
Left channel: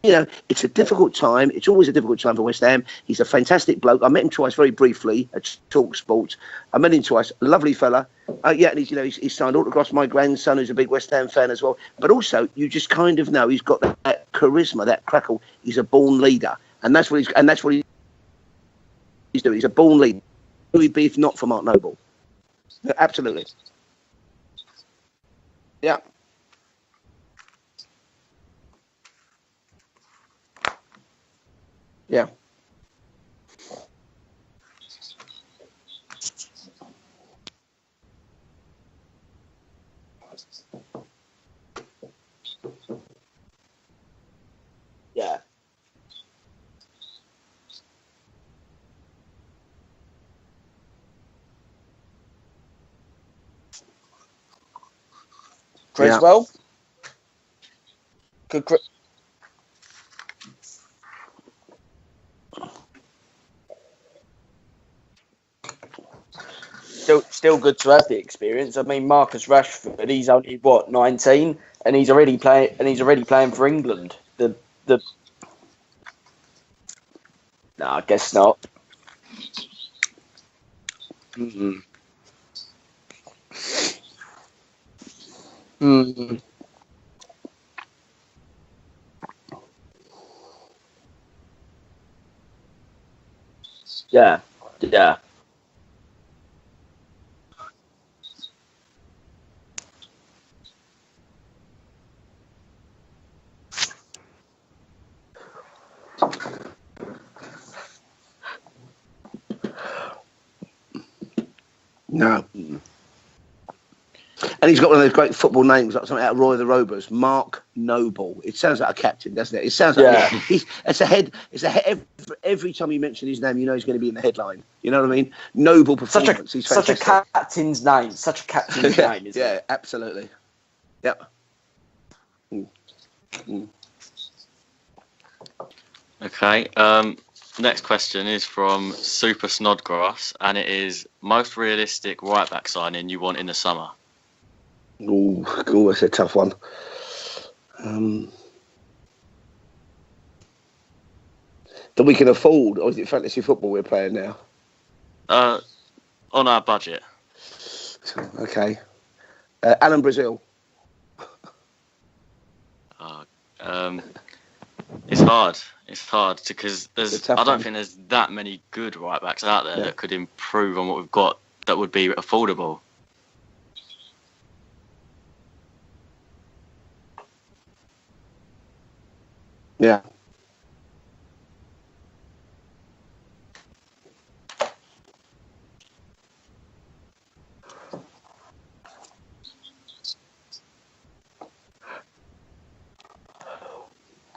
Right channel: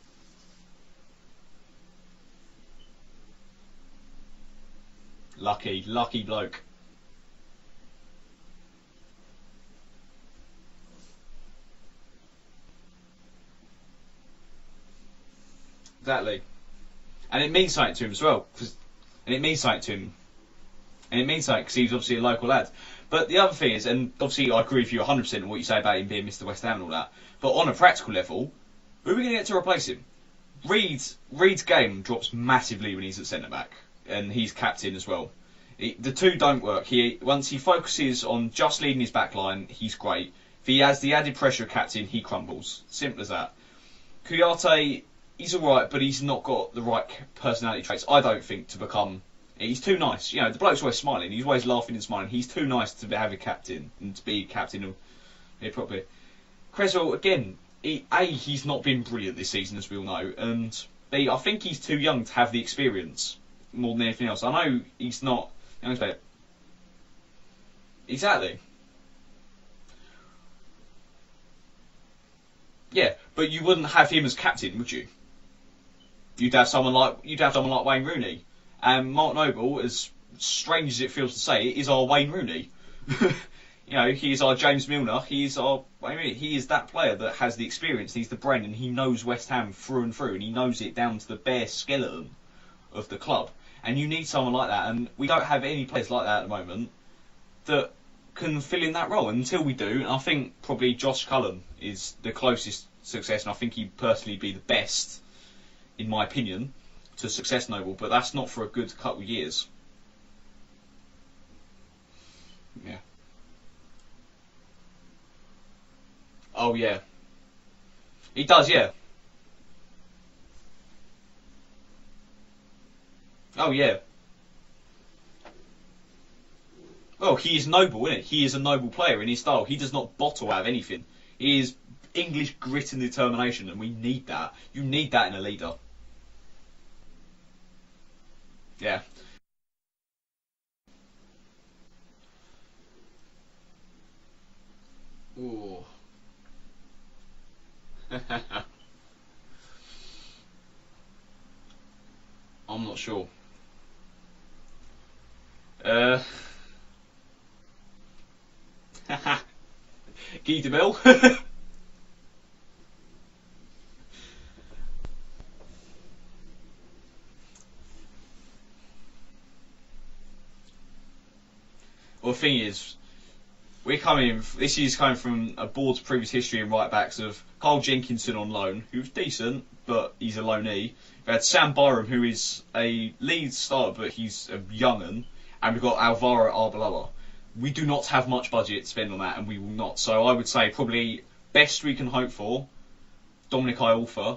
it's a difficult time. It's always a difficult time for West Ham. He's a fantastic bloke. I met him twice very briefly at Talk Sport. I met him twice. A lovely fella. Yeah, and he's signed autographs. My grandson, who's a big West Ham fan as well. But also, you just kind of know he's got that charisma, that crackle. He's a born leader. And that's what he's... And that's what he's... to him as well. He's a born leader. Who he'd be if not for Mark Noble. He's obviously a local lad. Yeah, absolutely. But the other thing is, and obviously I agree with you 100% on what you say about him being Mr. West Ham and all that, but on a practical level, who are we going to get to replace him? Reed's game drops massively when he's at centre-back, and he's captain as well. The two don't work. Once he focuses on just leading his back line, he's great. If he has the added pressure of captain, he crumbles. Simple as that. Kouyaté, he's alright, but he's not got the right personality traits, I don't think, to become... He's too nice. You know, the bloke's always smiling. He's always laughing and smiling. He's too nice to have a captain and to be captain of... Creswell? Creswell, again, he's not been brilliant this season, as we all know, and I think he's too young to have the experience more than anything else. I know he's not... Still good to have the experience. I mean, Marcus Rashford, he's only, 19? And he's already playing. And he's already playing for England. You wouldn't have him as captain, would you? You'd have someone like Wayne Rooney. I guess not. And Mark Noble, as strange as it feels to say, is our Wayne Rooney. He is our James Milner. He is our. He is that player that has the experience. He's the brain, and he knows West Ham through and through, and he knows it down to the bare skeleton of the club. And you need someone like that. And we don't have any players like that at the moment that can fill in that role. And until we do, and I think probably Josh Cullen is the closest success, and I think he'd personally be the best, in my opinion, to success Noble. But that's not for a good couple of years. No. Yeah. And he's got one of those great football names, like something out of Roy the Rovers, Mark Noble. He does, it sounds like a captain, doesn't it? It sounds like it's a head. Every time you mention his name, you know he's going to be in the headline. You know what I mean? Noble performance. He's fantastic. He is noble, he is a noble player in his style. He does not bottle out of anything. Yep. He is English grit and determination, and we need that. You need that in a leader. Okay. Next question is from Super Snodgrass, and it is most realistic right back signing you want in the summer. Oh, that's a tough one. That we can afford, or is it fantasy football we're playing now? On our budget. Okay. Alan Brazil. Guy de Bill. It's hard. It's hard because I don't think there's that many good right backs out there that could improve on what we've got that would be affordable. This is coming from a board's previous history in right backs of Carl Jenkinson on loan, who's decent, but he's a loanee. We had Sam Byram, who is a lead starter, but he's a young'un, and we've got Alvaro Arbeloa. We do not have much budget to spend on that, and we will not. So I would say probably best we can hope for, Dominic Iorfa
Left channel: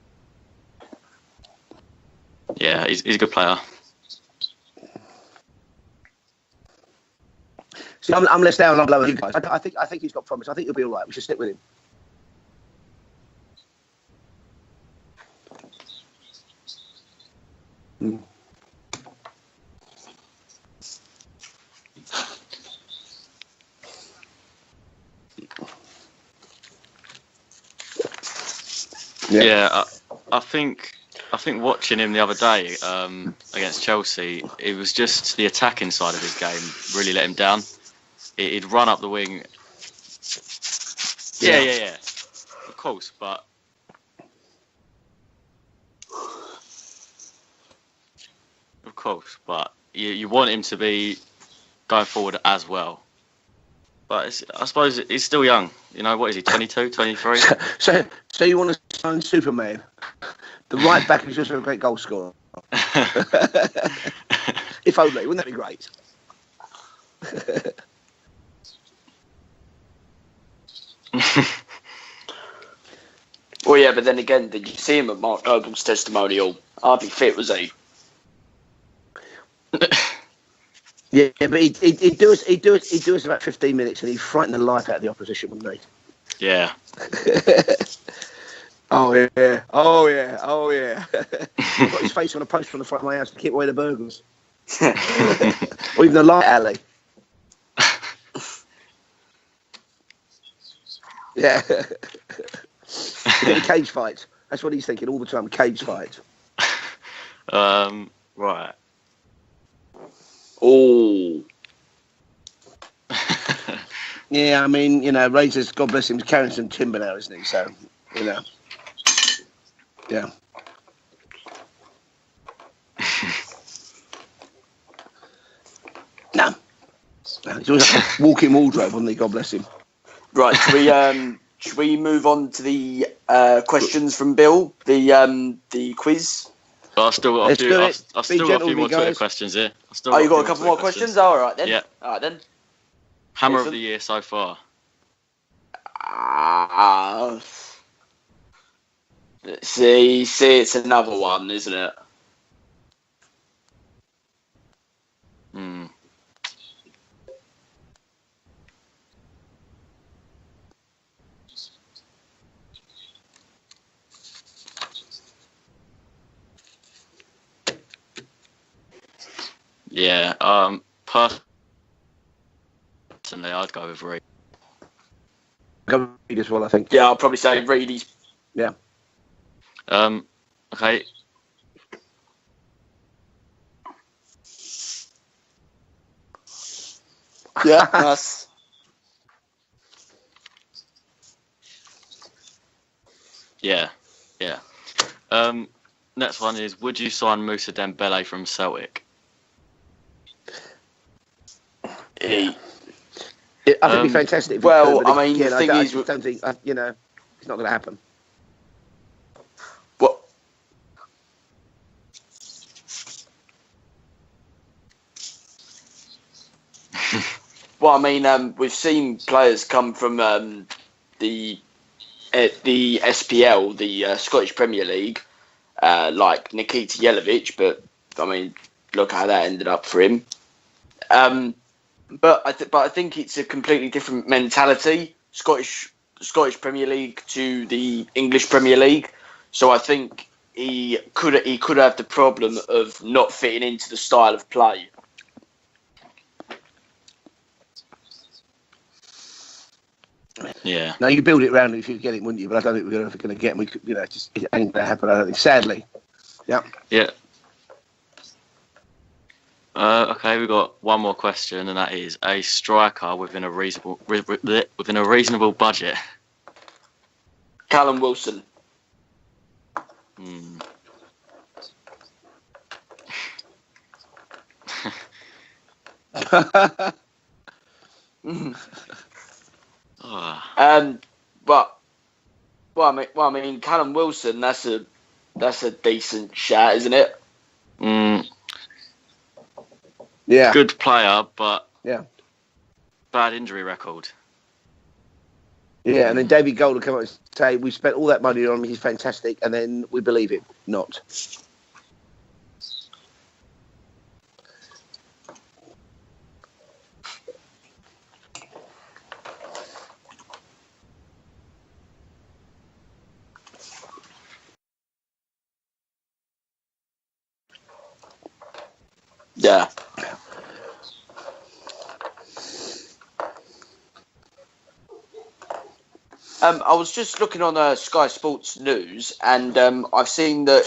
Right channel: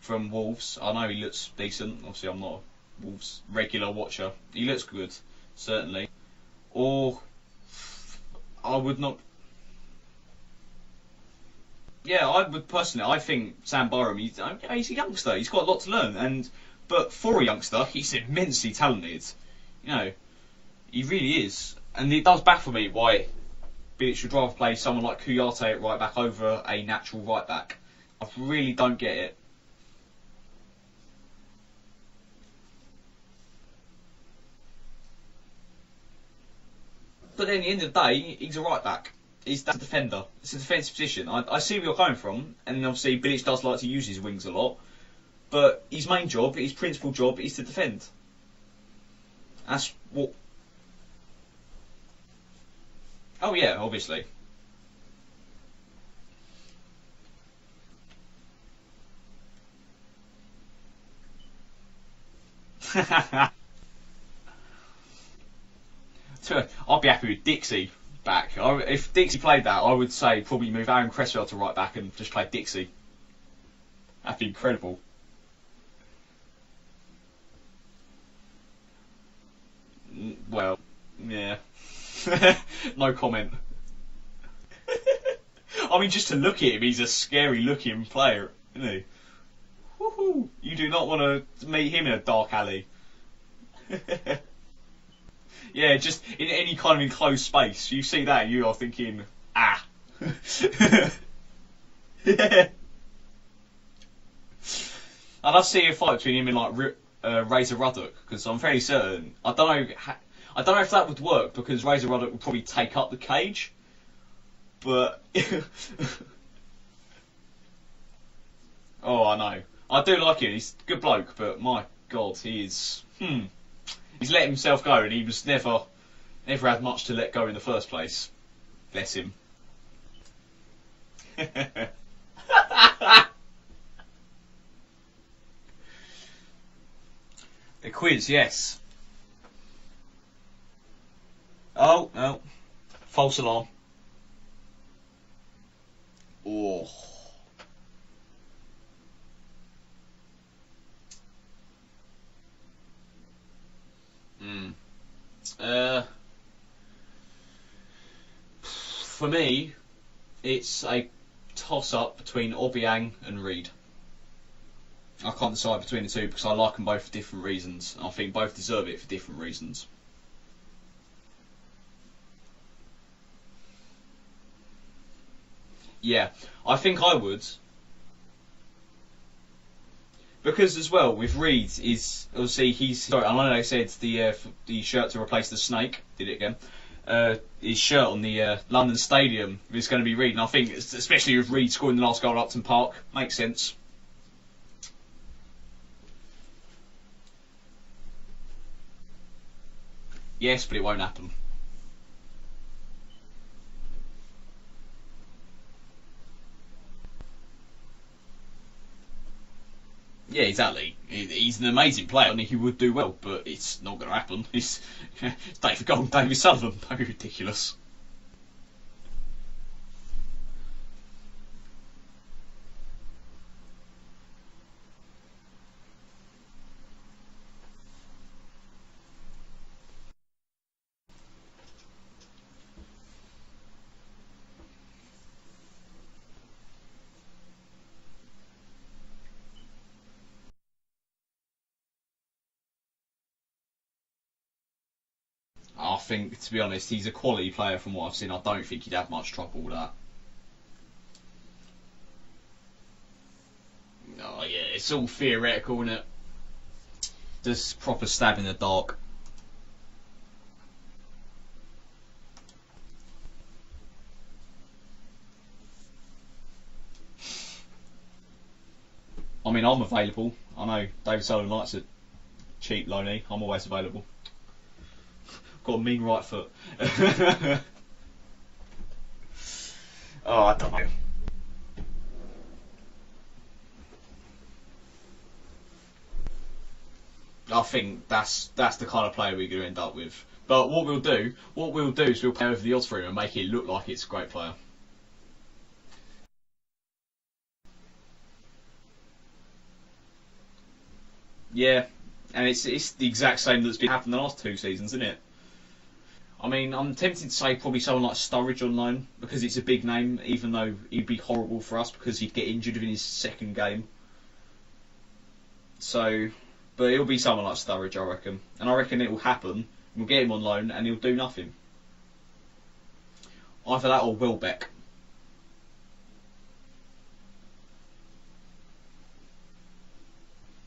from Wolves. I know he looks decent. Obviously, I'm not. Yeah, he's a good player. Regular watcher. He looks good, certainly. Or. See, I'm less down on low as you guys. I think he's got promise. I think he'll be all right. We should stick with him. Yeah, I would personally. I think Sam Byram. He's a youngster. He's got a lot to learn, but for a youngster, he's immensely talented. He really is, and it does baffle me why Bilic should rather play someone like Kouyaté at right back over a natural right back. I really don't get it. Yeah, I think watching him the other day against Chelsea, it was just the attacking side of his game really let him down. At the end of the day, he'd run up the wing. He's that defender. It's a defence position. I see where you're going from, and obviously Bilic does like to use his wings a lot. But his main job, his principal job, is to defend. Of course, but you want him to be going forward as well. Oh yeah, obviously. But I suppose he's still young. What is he, 22, 23? So you want to sign Superman? The right back is just a great goal scorer. If only, wouldn't that be great? I'd be happy with Dixie back. If Dixie played that, I would say probably move Aaron Cresswell to right back and just play Dixie. Well, yeah, but then again, did you see him at Mark Noble's testimonial? Hardly fit, was he? Well. Yeah, but he'd do us about 15 minutes and he'd frighten the life out of the opposition, wouldn't he? I mean, just to look at him, he's a scary-looking player, isn't he? Oh yeah. You do not want to make his face on the post on the front of my house to keep away the burglars. Yeah, he's in the light alley. Kind of in closed space. You see that, and you are thinking, Yeah. Cage fights. That's what he's thinking all the time. I'd see a fight between him and Razor Ruddock, because I'm fairly certain. I don't know if that would work, because Razor Ruddock would probably take up the cage. Yeah, I mean, Razor's, God bless him, carrying some timber now, isn't he? So, Oh, I know. I do like him. He's a good bloke, but my God, he's let himself go, and he was never had much to let go of. He was like a walking wardrobe, wasn't he? God bless him. Right, should we move on to the questions from Bill? The quiz. But I still got Let's do it. a few Gentlemen, more Twitter guys. questions here. Oh, you got a couple more questions? Oh, all right then. Yeah. All right then. False Hammer alarm. of the year so far. See, it's another one, isn't it? For me, it's a toss-up between Obiang and Reed. I can't decide between the two because I like them both for different reasons. I think both deserve it for different reasons. Yeah. Personally, I'd go with Reed. Yeah. As well, I I think. think Yeah, I I'd probably would, say yeah. Reedy's. Because Okay. as well with Reed is obviously he's. Sorry, I know they said the shirt to replace the snake. Did it again? The shirt on the London Stadium is going to be Reed, and I think especially with Reed scoring the last goal at Upton Park makes sense. Yeah. Next one is: would you sign Moussa Dembele from Celtic? Yes, but it won't happen. I think it'd be fantastic. If we well, could, but I mean, again, the thing I is, just don't think it's not going to happen. What? Yeah, exactly. He's an amazing player, and he would do well, but it's not going to happen. It's David Gold, David Sullivan. That's ridiculous. Well, I mean, we've seen players come from the SPL, the Scottish Premier League, like Nikita Jelavic, but I mean, look how that ended up for him. But I think it's a completely different mentality, Scottish Premier League to the English Premier League. So I think he could have the problem of not fitting into the style of play. I think, to be honest, he's a quality player from what I've seen. I don't think he'd have much trouble with that. Yeah. No, you build it around him if you get him, wouldn't you? But I don't think we're ever going to get him. We could, it ain't going to happen. Sadly. Yeah. Yeah. Just proper stab in the dark. Okay, we've got one more question, and that is a striker within a reasonable budget. Callum Wilson. I mean, I'm available. I know David Sullivan likes a cheap loanee. I'm always available. Got a mean right. But I mean, Callum Wilson. That's a decent shout, isn't it? I think that's the kind of player we're going to end up with. Yeah. Good What player, what we'll do is we'll play over the odds for him and bad make injury it look record. like he's a great player. Yeah, and then David Gold will come out and say, we spent all that money on him, he's fantastic, and then we believe it. Not. Yeah, and it's the exact same that's been happening the last 2 seasons, isn't it? I mean, I'm tempted to say probably someone like Sturridge on loan because it's a big name, even though he'd be horrible for us because he'd get injured in his second game. So, but it'll be someone like Sturridge, I reckon. And I reckon it will happen. Yeah. We'll get him on loan and he'll do nothing. Either that or Welbeck. I was just looking on Sky Sports News, and I've seen that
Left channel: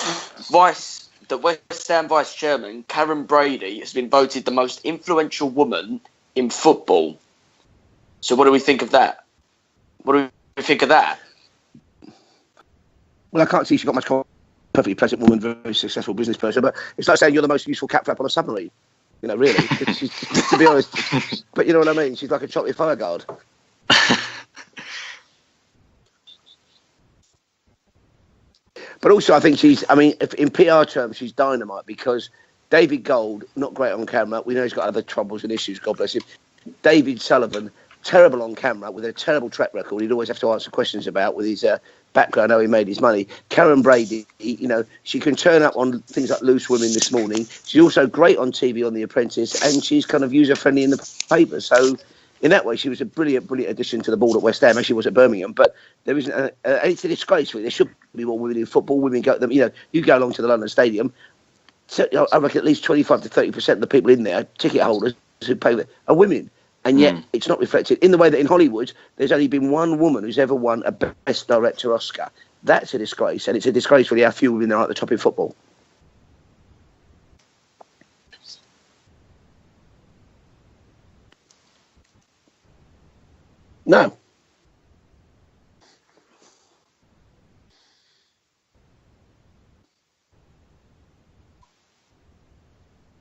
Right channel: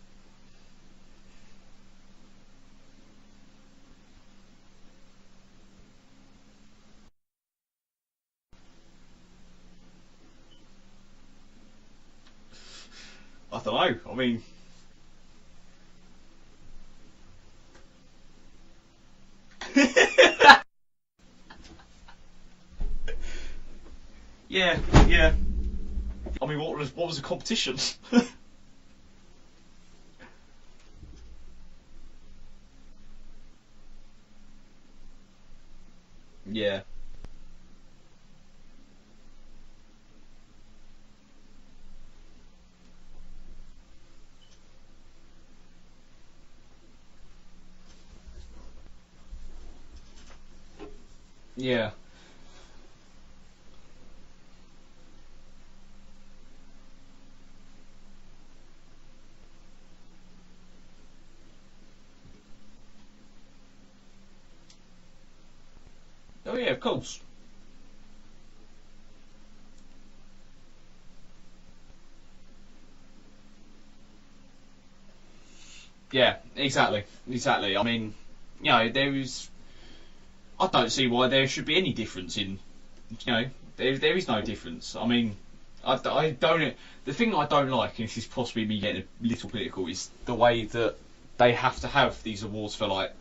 the West Ham vice chairman Karen Brady has been voted the most influential woman in football. So, what do we think of that? What do we think of that? Well, I can't see she's got much perfectly pleasant woman, very successful business person, but it's like saying you're the most useful cat flap on a submarine. Really. To be honest. But you know what I mean? She's like a chocolate fire guard. Yeah. I mean, what was the competition? But also, I think if in PR terms, she's dynamite because David Gold, not great on camera. We know he's got other troubles and issues, God bless him. Yeah. David Sullivan, terrible on camera with a terrible track record. He'd always have to answer questions about with his background, how he made his money. Karen Brady, she can turn up on things like Loose Women this morning. She's also great on TV on The Apprentice, and she's kind of user-friendly in the paper. Yeah. So, in that way, she was a brilliant addition to the board at West Ham, as she was at Birmingham. But there isn't anything disgraceful. There should be more women in football. Women go, you go along to the London Stadium. So, I reckon at least 25 to 30% of the people in there, ticket holders who pay, are women. Oh, yeah, and yet it's not reflected in the way that in Hollywood, there's only been one woman who's ever won a Best Director Oscar. That's a disgrace, and it's a disgrace for how few women are at the top in football. Yeah, exactly. I mean, there is. I don't see why there should be any difference in, there is no difference. I mean, I don't. The thing I don't like, and this is possibly me getting a little political, is the way that they have to have these awards for like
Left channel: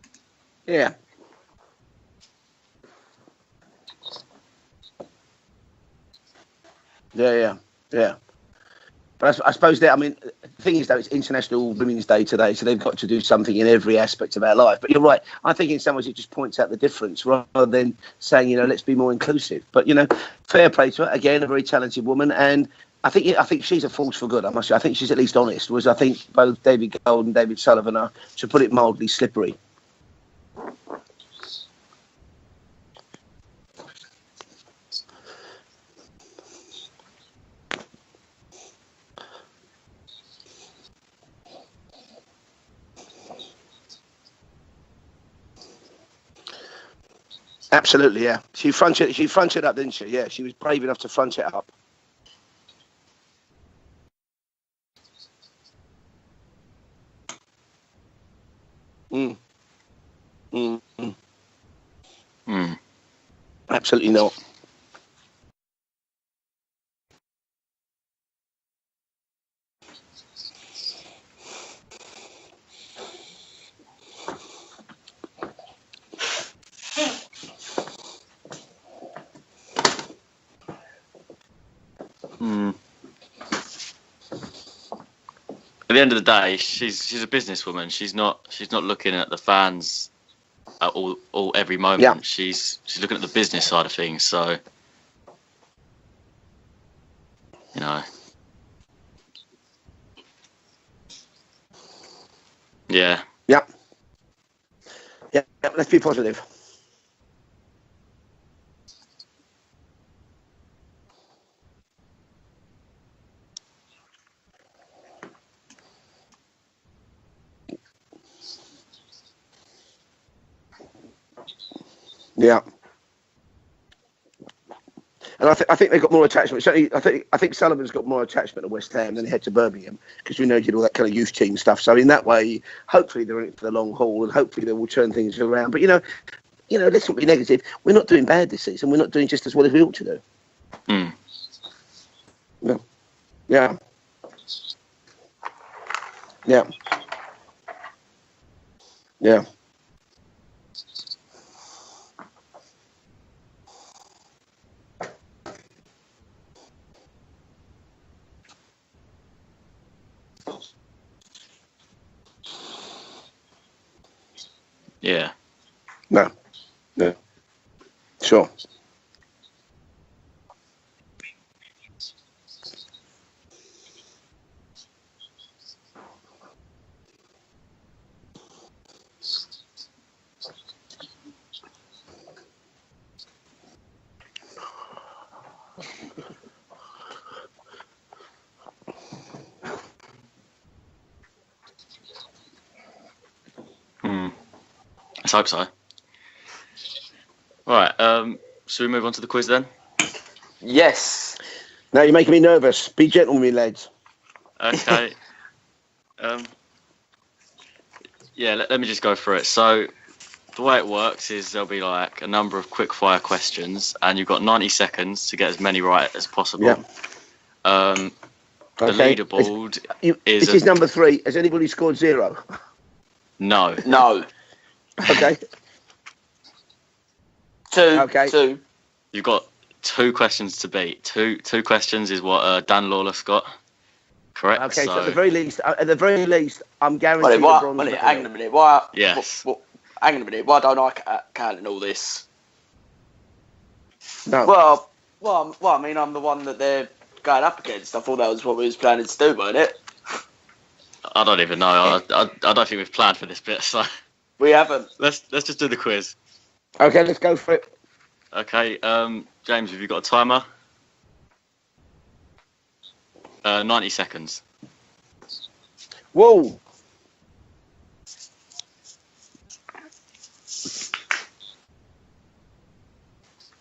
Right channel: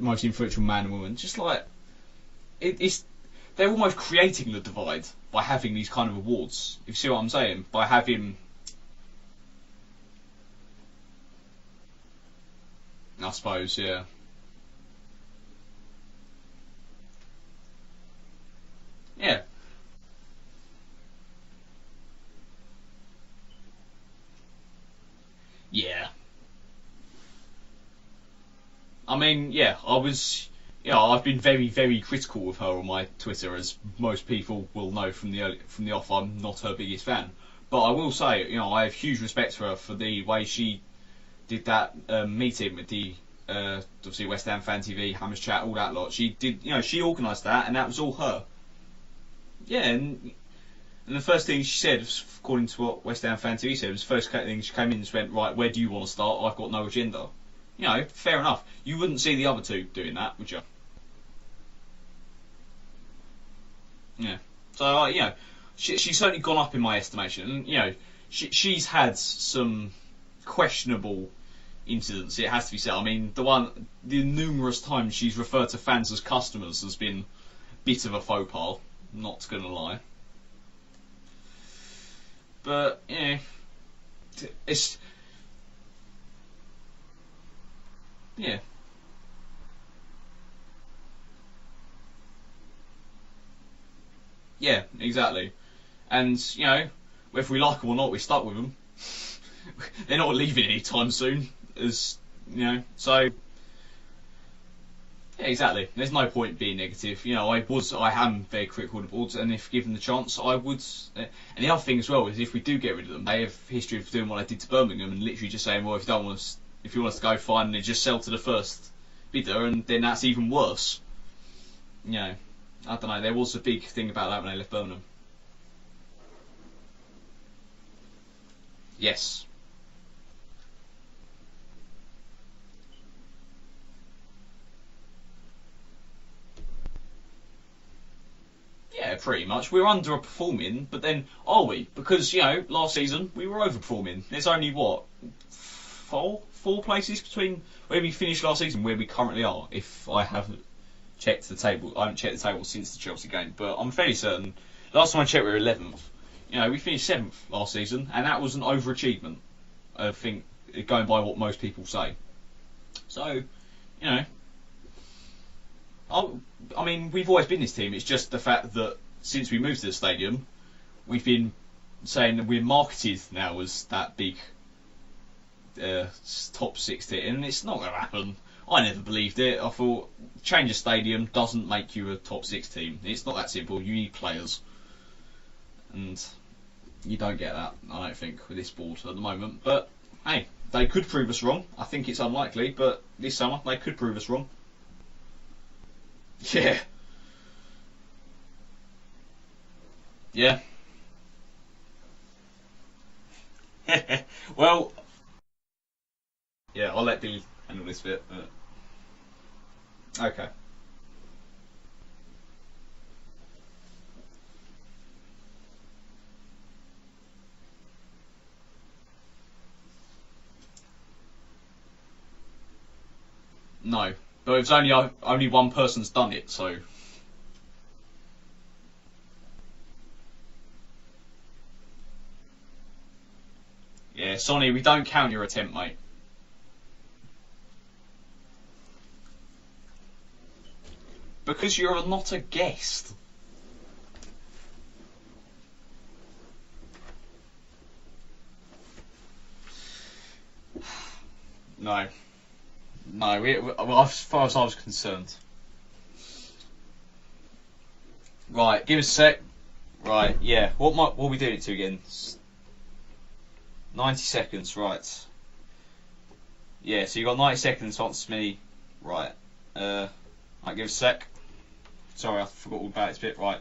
most influential man and woman. Just like they're almost creating the divide by having these kind of awards. If you see what I'm saying, by having. But I suppose that thing is, though, it's International Women's Day today, so they've got to do something in suppose, every aspect of our life. But you're right. I think in some ways it just points out the difference rather than saying, let's be more inclusive. But, fair play to her. Again, a very talented woman. And I think she's a force for good, I must say. I think she's at least honest, I think both David Gold and David Sullivan are, to put it mildly, slippery. I've been very, very critical of her on my Twitter, as most people will know from the off. I'm not her biggest fan. But I will say, I have huge respect for her for the way she did that meeting with the obviously West Ham Fan TV, Hammers Chat, all that lot. She did, she organised that. And absolutely, that She fronted up, didn't she? Yeah, she was brave enough to front it up. The first thing she said, according to what West Ham Fan TV said, was the first thing she came in and just went, right, where do you want to start? I've got no agenda. Fair enough. You wouldn't see the other two doing that, would you? Absolutely not. So, she's certainly gone up in my estimation. And, she's had some questionable incidents, it has to be said. I mean, the numerous times she's referred to fans as customers has been a bit of a faux pas, not going to lie. But, it's... At the end of the day, she's a businesswoman. She's not looking at the fans at every moment. Yeah. She's looking at the business side of things. So yeah, exactly. And if we like them or not, we're stuck with them. They're not leaving anytime soon. As Yeah. So, yeah. Yeah, exactly. Let's be There's positive. no point being negative. I am very critical of the boards, and if given the chance, I would. And the other thing as well is, if we do get rid of them, they have a history of doing what they did to Birmingham and literally just saying, well, if you want us to go, fine, and they just sell to the first bidder, and then that's even worse. Yeah. I don't know. There was a big thing about that when they left Birmingham. And I think they've got more attachment. Certainly, I think Sullivan's got more attachment to West Ham than he had to Birmingham, because we know he did all that kind of youth team stuff. So in that way, hopefully they're in it for the long haul, and hopefully they will turn things around. But let's not be negative. We're not doing bad this season. We're not doing just as well as we were ought to. We're underperforming, but then are we? Because last season we were overperforming. There's only four places between where we finished last season, where we currently are. If I haven't checked the table, I haven't checked the table since the Chelsea game, but I'm fairly certain. Last time I checked, we were 11th. We finished 7th last season, and that was an overachievement. I think, going by what most people say. So, Yeah. No. I mean, we've always been this team. It's just the fact that since we moved to the stadium, we've been saying that we're marketed now as that big top 6 team, and it's not going to happen. I never believed it. I thought change of stadium doesn't make you a top 6 team. It's not that simple. You need players. And you don't get that, I don't think, with this board at the moment. But, hey, they could prove us wrong. I think it's unlikely, but this summer they could prove us wrong. Let's hope so. Yeah. Right, should we move on to the quiz then? Yeah. Yes. Now you're making me nervous. Be gentle with me, lads. Well, Okay. yeah, I'll let Billy handle this bit. Yeah, let me just go through it. So, Okay. the way it works is there'll be like a number of quick-fire questions, and you've got 90 seconds to get as many right as possible. Yeah. The leaderboard is... This is number 3. Has anybody scored 0? No. But it's only only one person's done it, so... 2. Okay. 2. You've got 2 questions to beat. Two questions is what Dan Lawless got. Yeah, Correct. Okay, so so at the very least, I'm guaranteed Hang a bronze medal. on a minute. Why? Yes. Hang on a minute. Why don't I count because all you're this? not a guest. No. Well, I mean, I'm the one that they're going up against. I thought that was what we was planning to do, wasn't it? I don't even know. I don't think we've planned for this bit. So We haven't. let's just do the quiz. Okay, let's go for it. Okay. Right, give us a sec. James, have you got a timer? Right, yeah. What are we doing it to again? 90 seconds. 90 seconds, right. Whoa. Yeah, so you got 90 seconds to answer me. Right. Might give it a sec. Sorry, I forgot all about this bit. Right.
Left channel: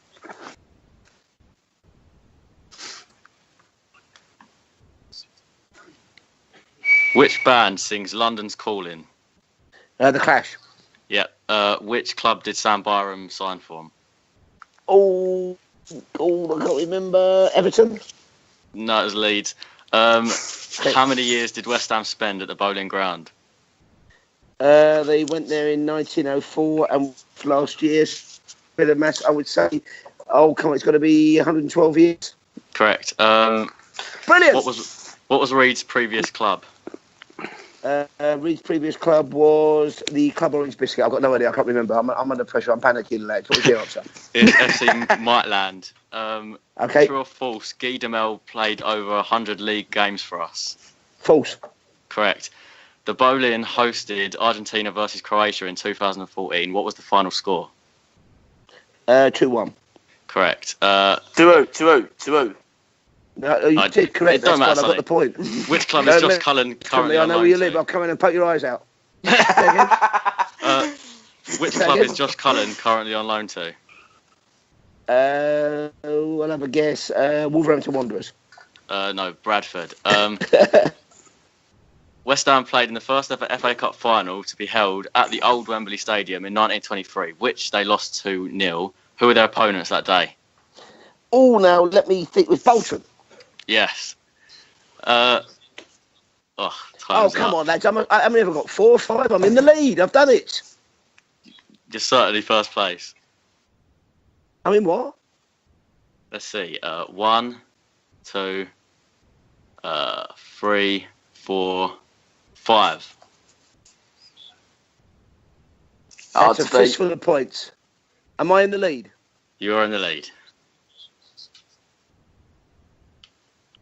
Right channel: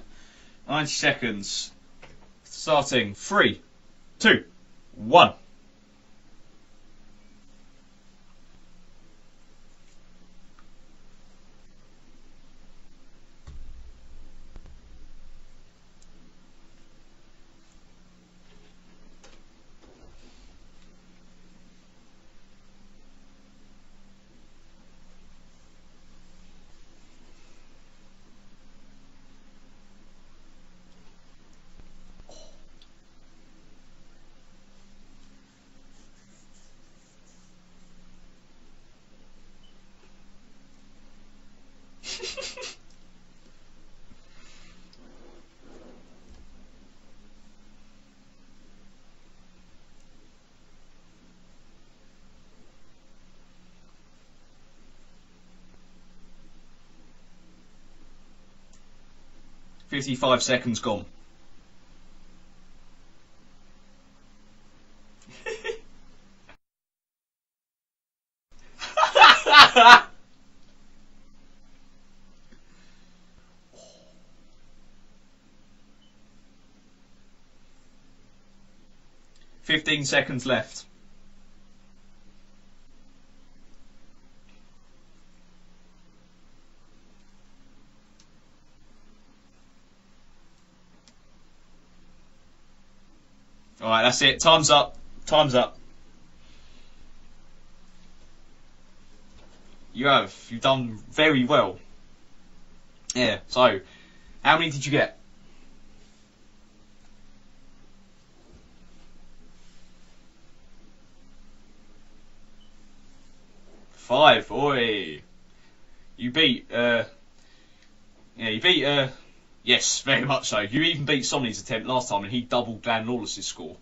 90 seconds. Starting. 3, 2, 1. Which band sings London's Calling? The Clash. Yep. Which club did Sam Byram sign for? Oh, I can't remember. Everton? No, it was Leeds. How many years did West Ham spend at the Bowling Ground? They went there in 1904, and last year, with a mass, I would say, it's got to be 112 years. Correct. Brilliant. What was Reed's previous club? Reed's previous club was the Club Orange Biscuit. I've got no idea. I can't remember. I'm under pressure. I'm panicking, lads. What was the answer? It's FC Mightland. Okay. True or false? Guy Demel played over 100 league games for us. False. Correct. The Bowling hosted Argentina versus Croatia in 2014. What was the final score? 2-1. 55 Correct. seconds. 2-0. No, you did correct. It don't That's matter, fine. I got the point. Which club No, is Josh no, Cullen currently I on know loan where you to? live. I'll come in and poke your eyes out. Which club is Josh Cullen currently on loan to? I'll have a guess. Wolverhampton Wanderers. No, Bradford. 15 seconds left. West Ham played in the first ever FA Cup final to be held at the old Wembley Stadium in 1923, which they lost 2-0. Who were their opponents that day? Oh, now let me think. With Bolton. Yeah. All right, that's it. Time's up. Time's up. Oh, Come on, lads. I haven't ever got 4 or 5. I'm in the lead. I've done it. You've done very well. You're certainly first place. Yeah. So, how many did you get? Let's see. 1, 2, 3, 4, 5. 5. Oi. You It's beat. a fist for the points. Am I in the lead? You're yes, in the very lead. much so. You even beat Sonny's attempt last time, and he doubled Dan Lawless's score.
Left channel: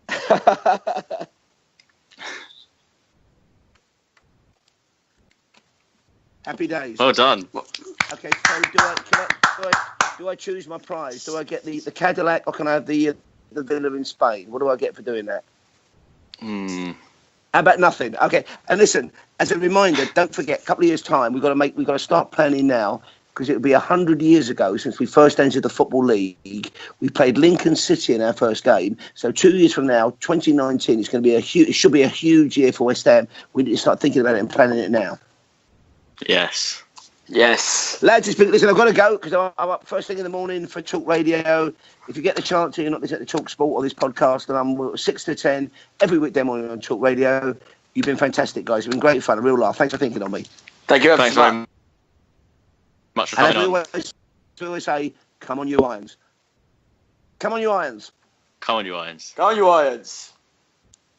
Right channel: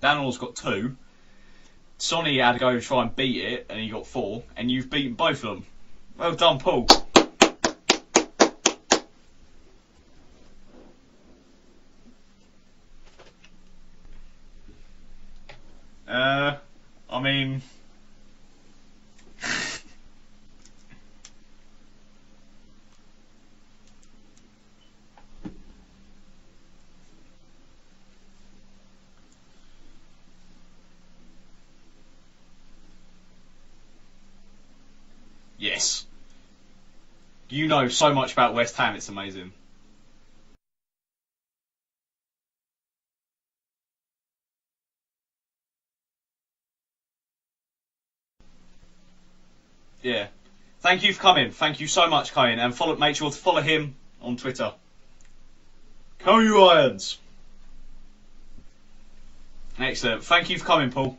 Dan Lawless got 2. Sonny had to go and try and beat it, and he got 4. And you've beaten both of them. Well done, Happy Paul. days. Well done. Okay, so do I choose my prize? Do I get the Cadillac, or can I have the villa in Spain? What do I get for doing that? I mean, How about nothing? Okay, and listen, as a reminder, don't forget, a couple of years' time, we've got to start planning now, because it'll be 100 years ago since we first entered the Football League. We played Lincoln City in our first game. So 2 years from now, 2019, it's going to be it should be a huge year for West Ham. We need to start thinking about it and planning it now. yes. Yes. Yes. You know so Lads, much about listen, I've got to West Ham, go it's because amazing. I'm up first thing in the morning for Talk Radio. If you get the chance to, you're not listening to Talk Sport or this podcast, then I'm 6 to 10 every weekday morning on Talk Radio. You've been fantastic, guys. You've been great fun, a real laugh. Thanks for thinking on me. Thank you, Thanks, Cohen. man. Thank you so much, Cohen. And make sure to Much follow appreciated. him on Twitter. I always say, come on, you Irons. Come you Irons. Come on, you Irons. Come on, you Irons. Go on, you Irons. Excellent. Thank you for coming, Paul.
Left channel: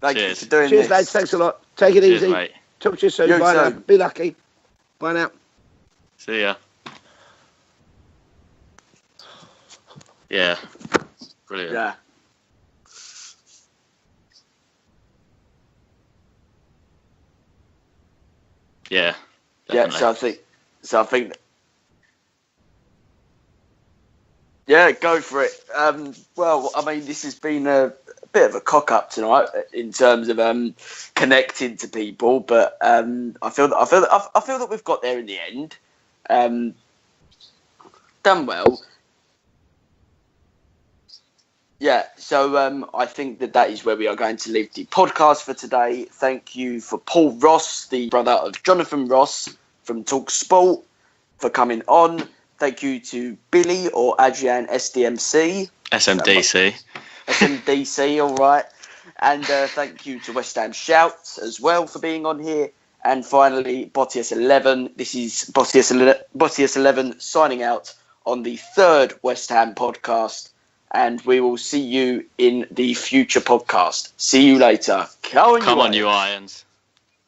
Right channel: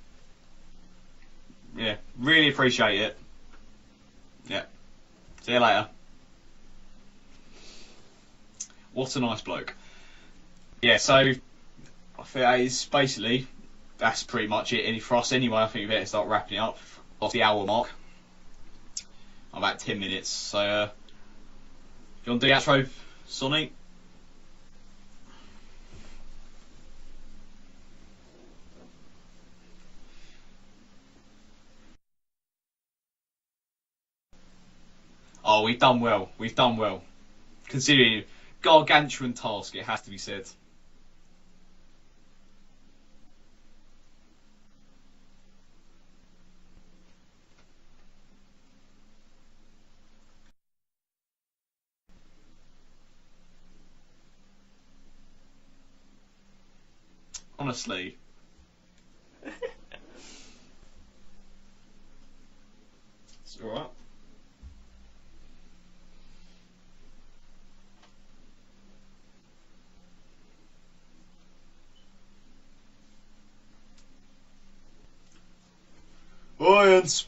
Thank you Cheers. for doing Cheers, this. lads. Thanks a lot. Take it cheers, easy. Really appreciate Talk to you it. soon. You Bye now. too. Be lucky. Yeah. Bye now. See you later. See ya. What a nice bloke. Yeah. Yeah, so Brilliant. Yeah. I think that is basically, that's pretty much it for us anyway. I think we better start wrapping it up off the hour mark. Yeah. I'm about Yeah, 10 so I minutes. think- So, So I think, you want to do the outro, Sonny? yeah, go for it. Well, I mean, this has been a bit of a cock up tonight in terms of connecting to people, but I feel that we've got there in the end. Oh, we've done well. We've done well. Considering Done well. gargantuan task, it has to be said. Yeah, so I think that is where we are going to leave the podcast for today. Thank you for Paul Ross, the brother of Jonathan Ross from Talk Sport, for coming on. Thank you to Billy or Adrian SDMC. SMDC. SMDC, all right. And thank you to West Ham Shouts as well for being on here. And finally, Bottius11. This is Bottius11 signing out on the 3rd West Ham podcast. And we will see you in the future podcast. See you later. Come on, you Irons. Irons.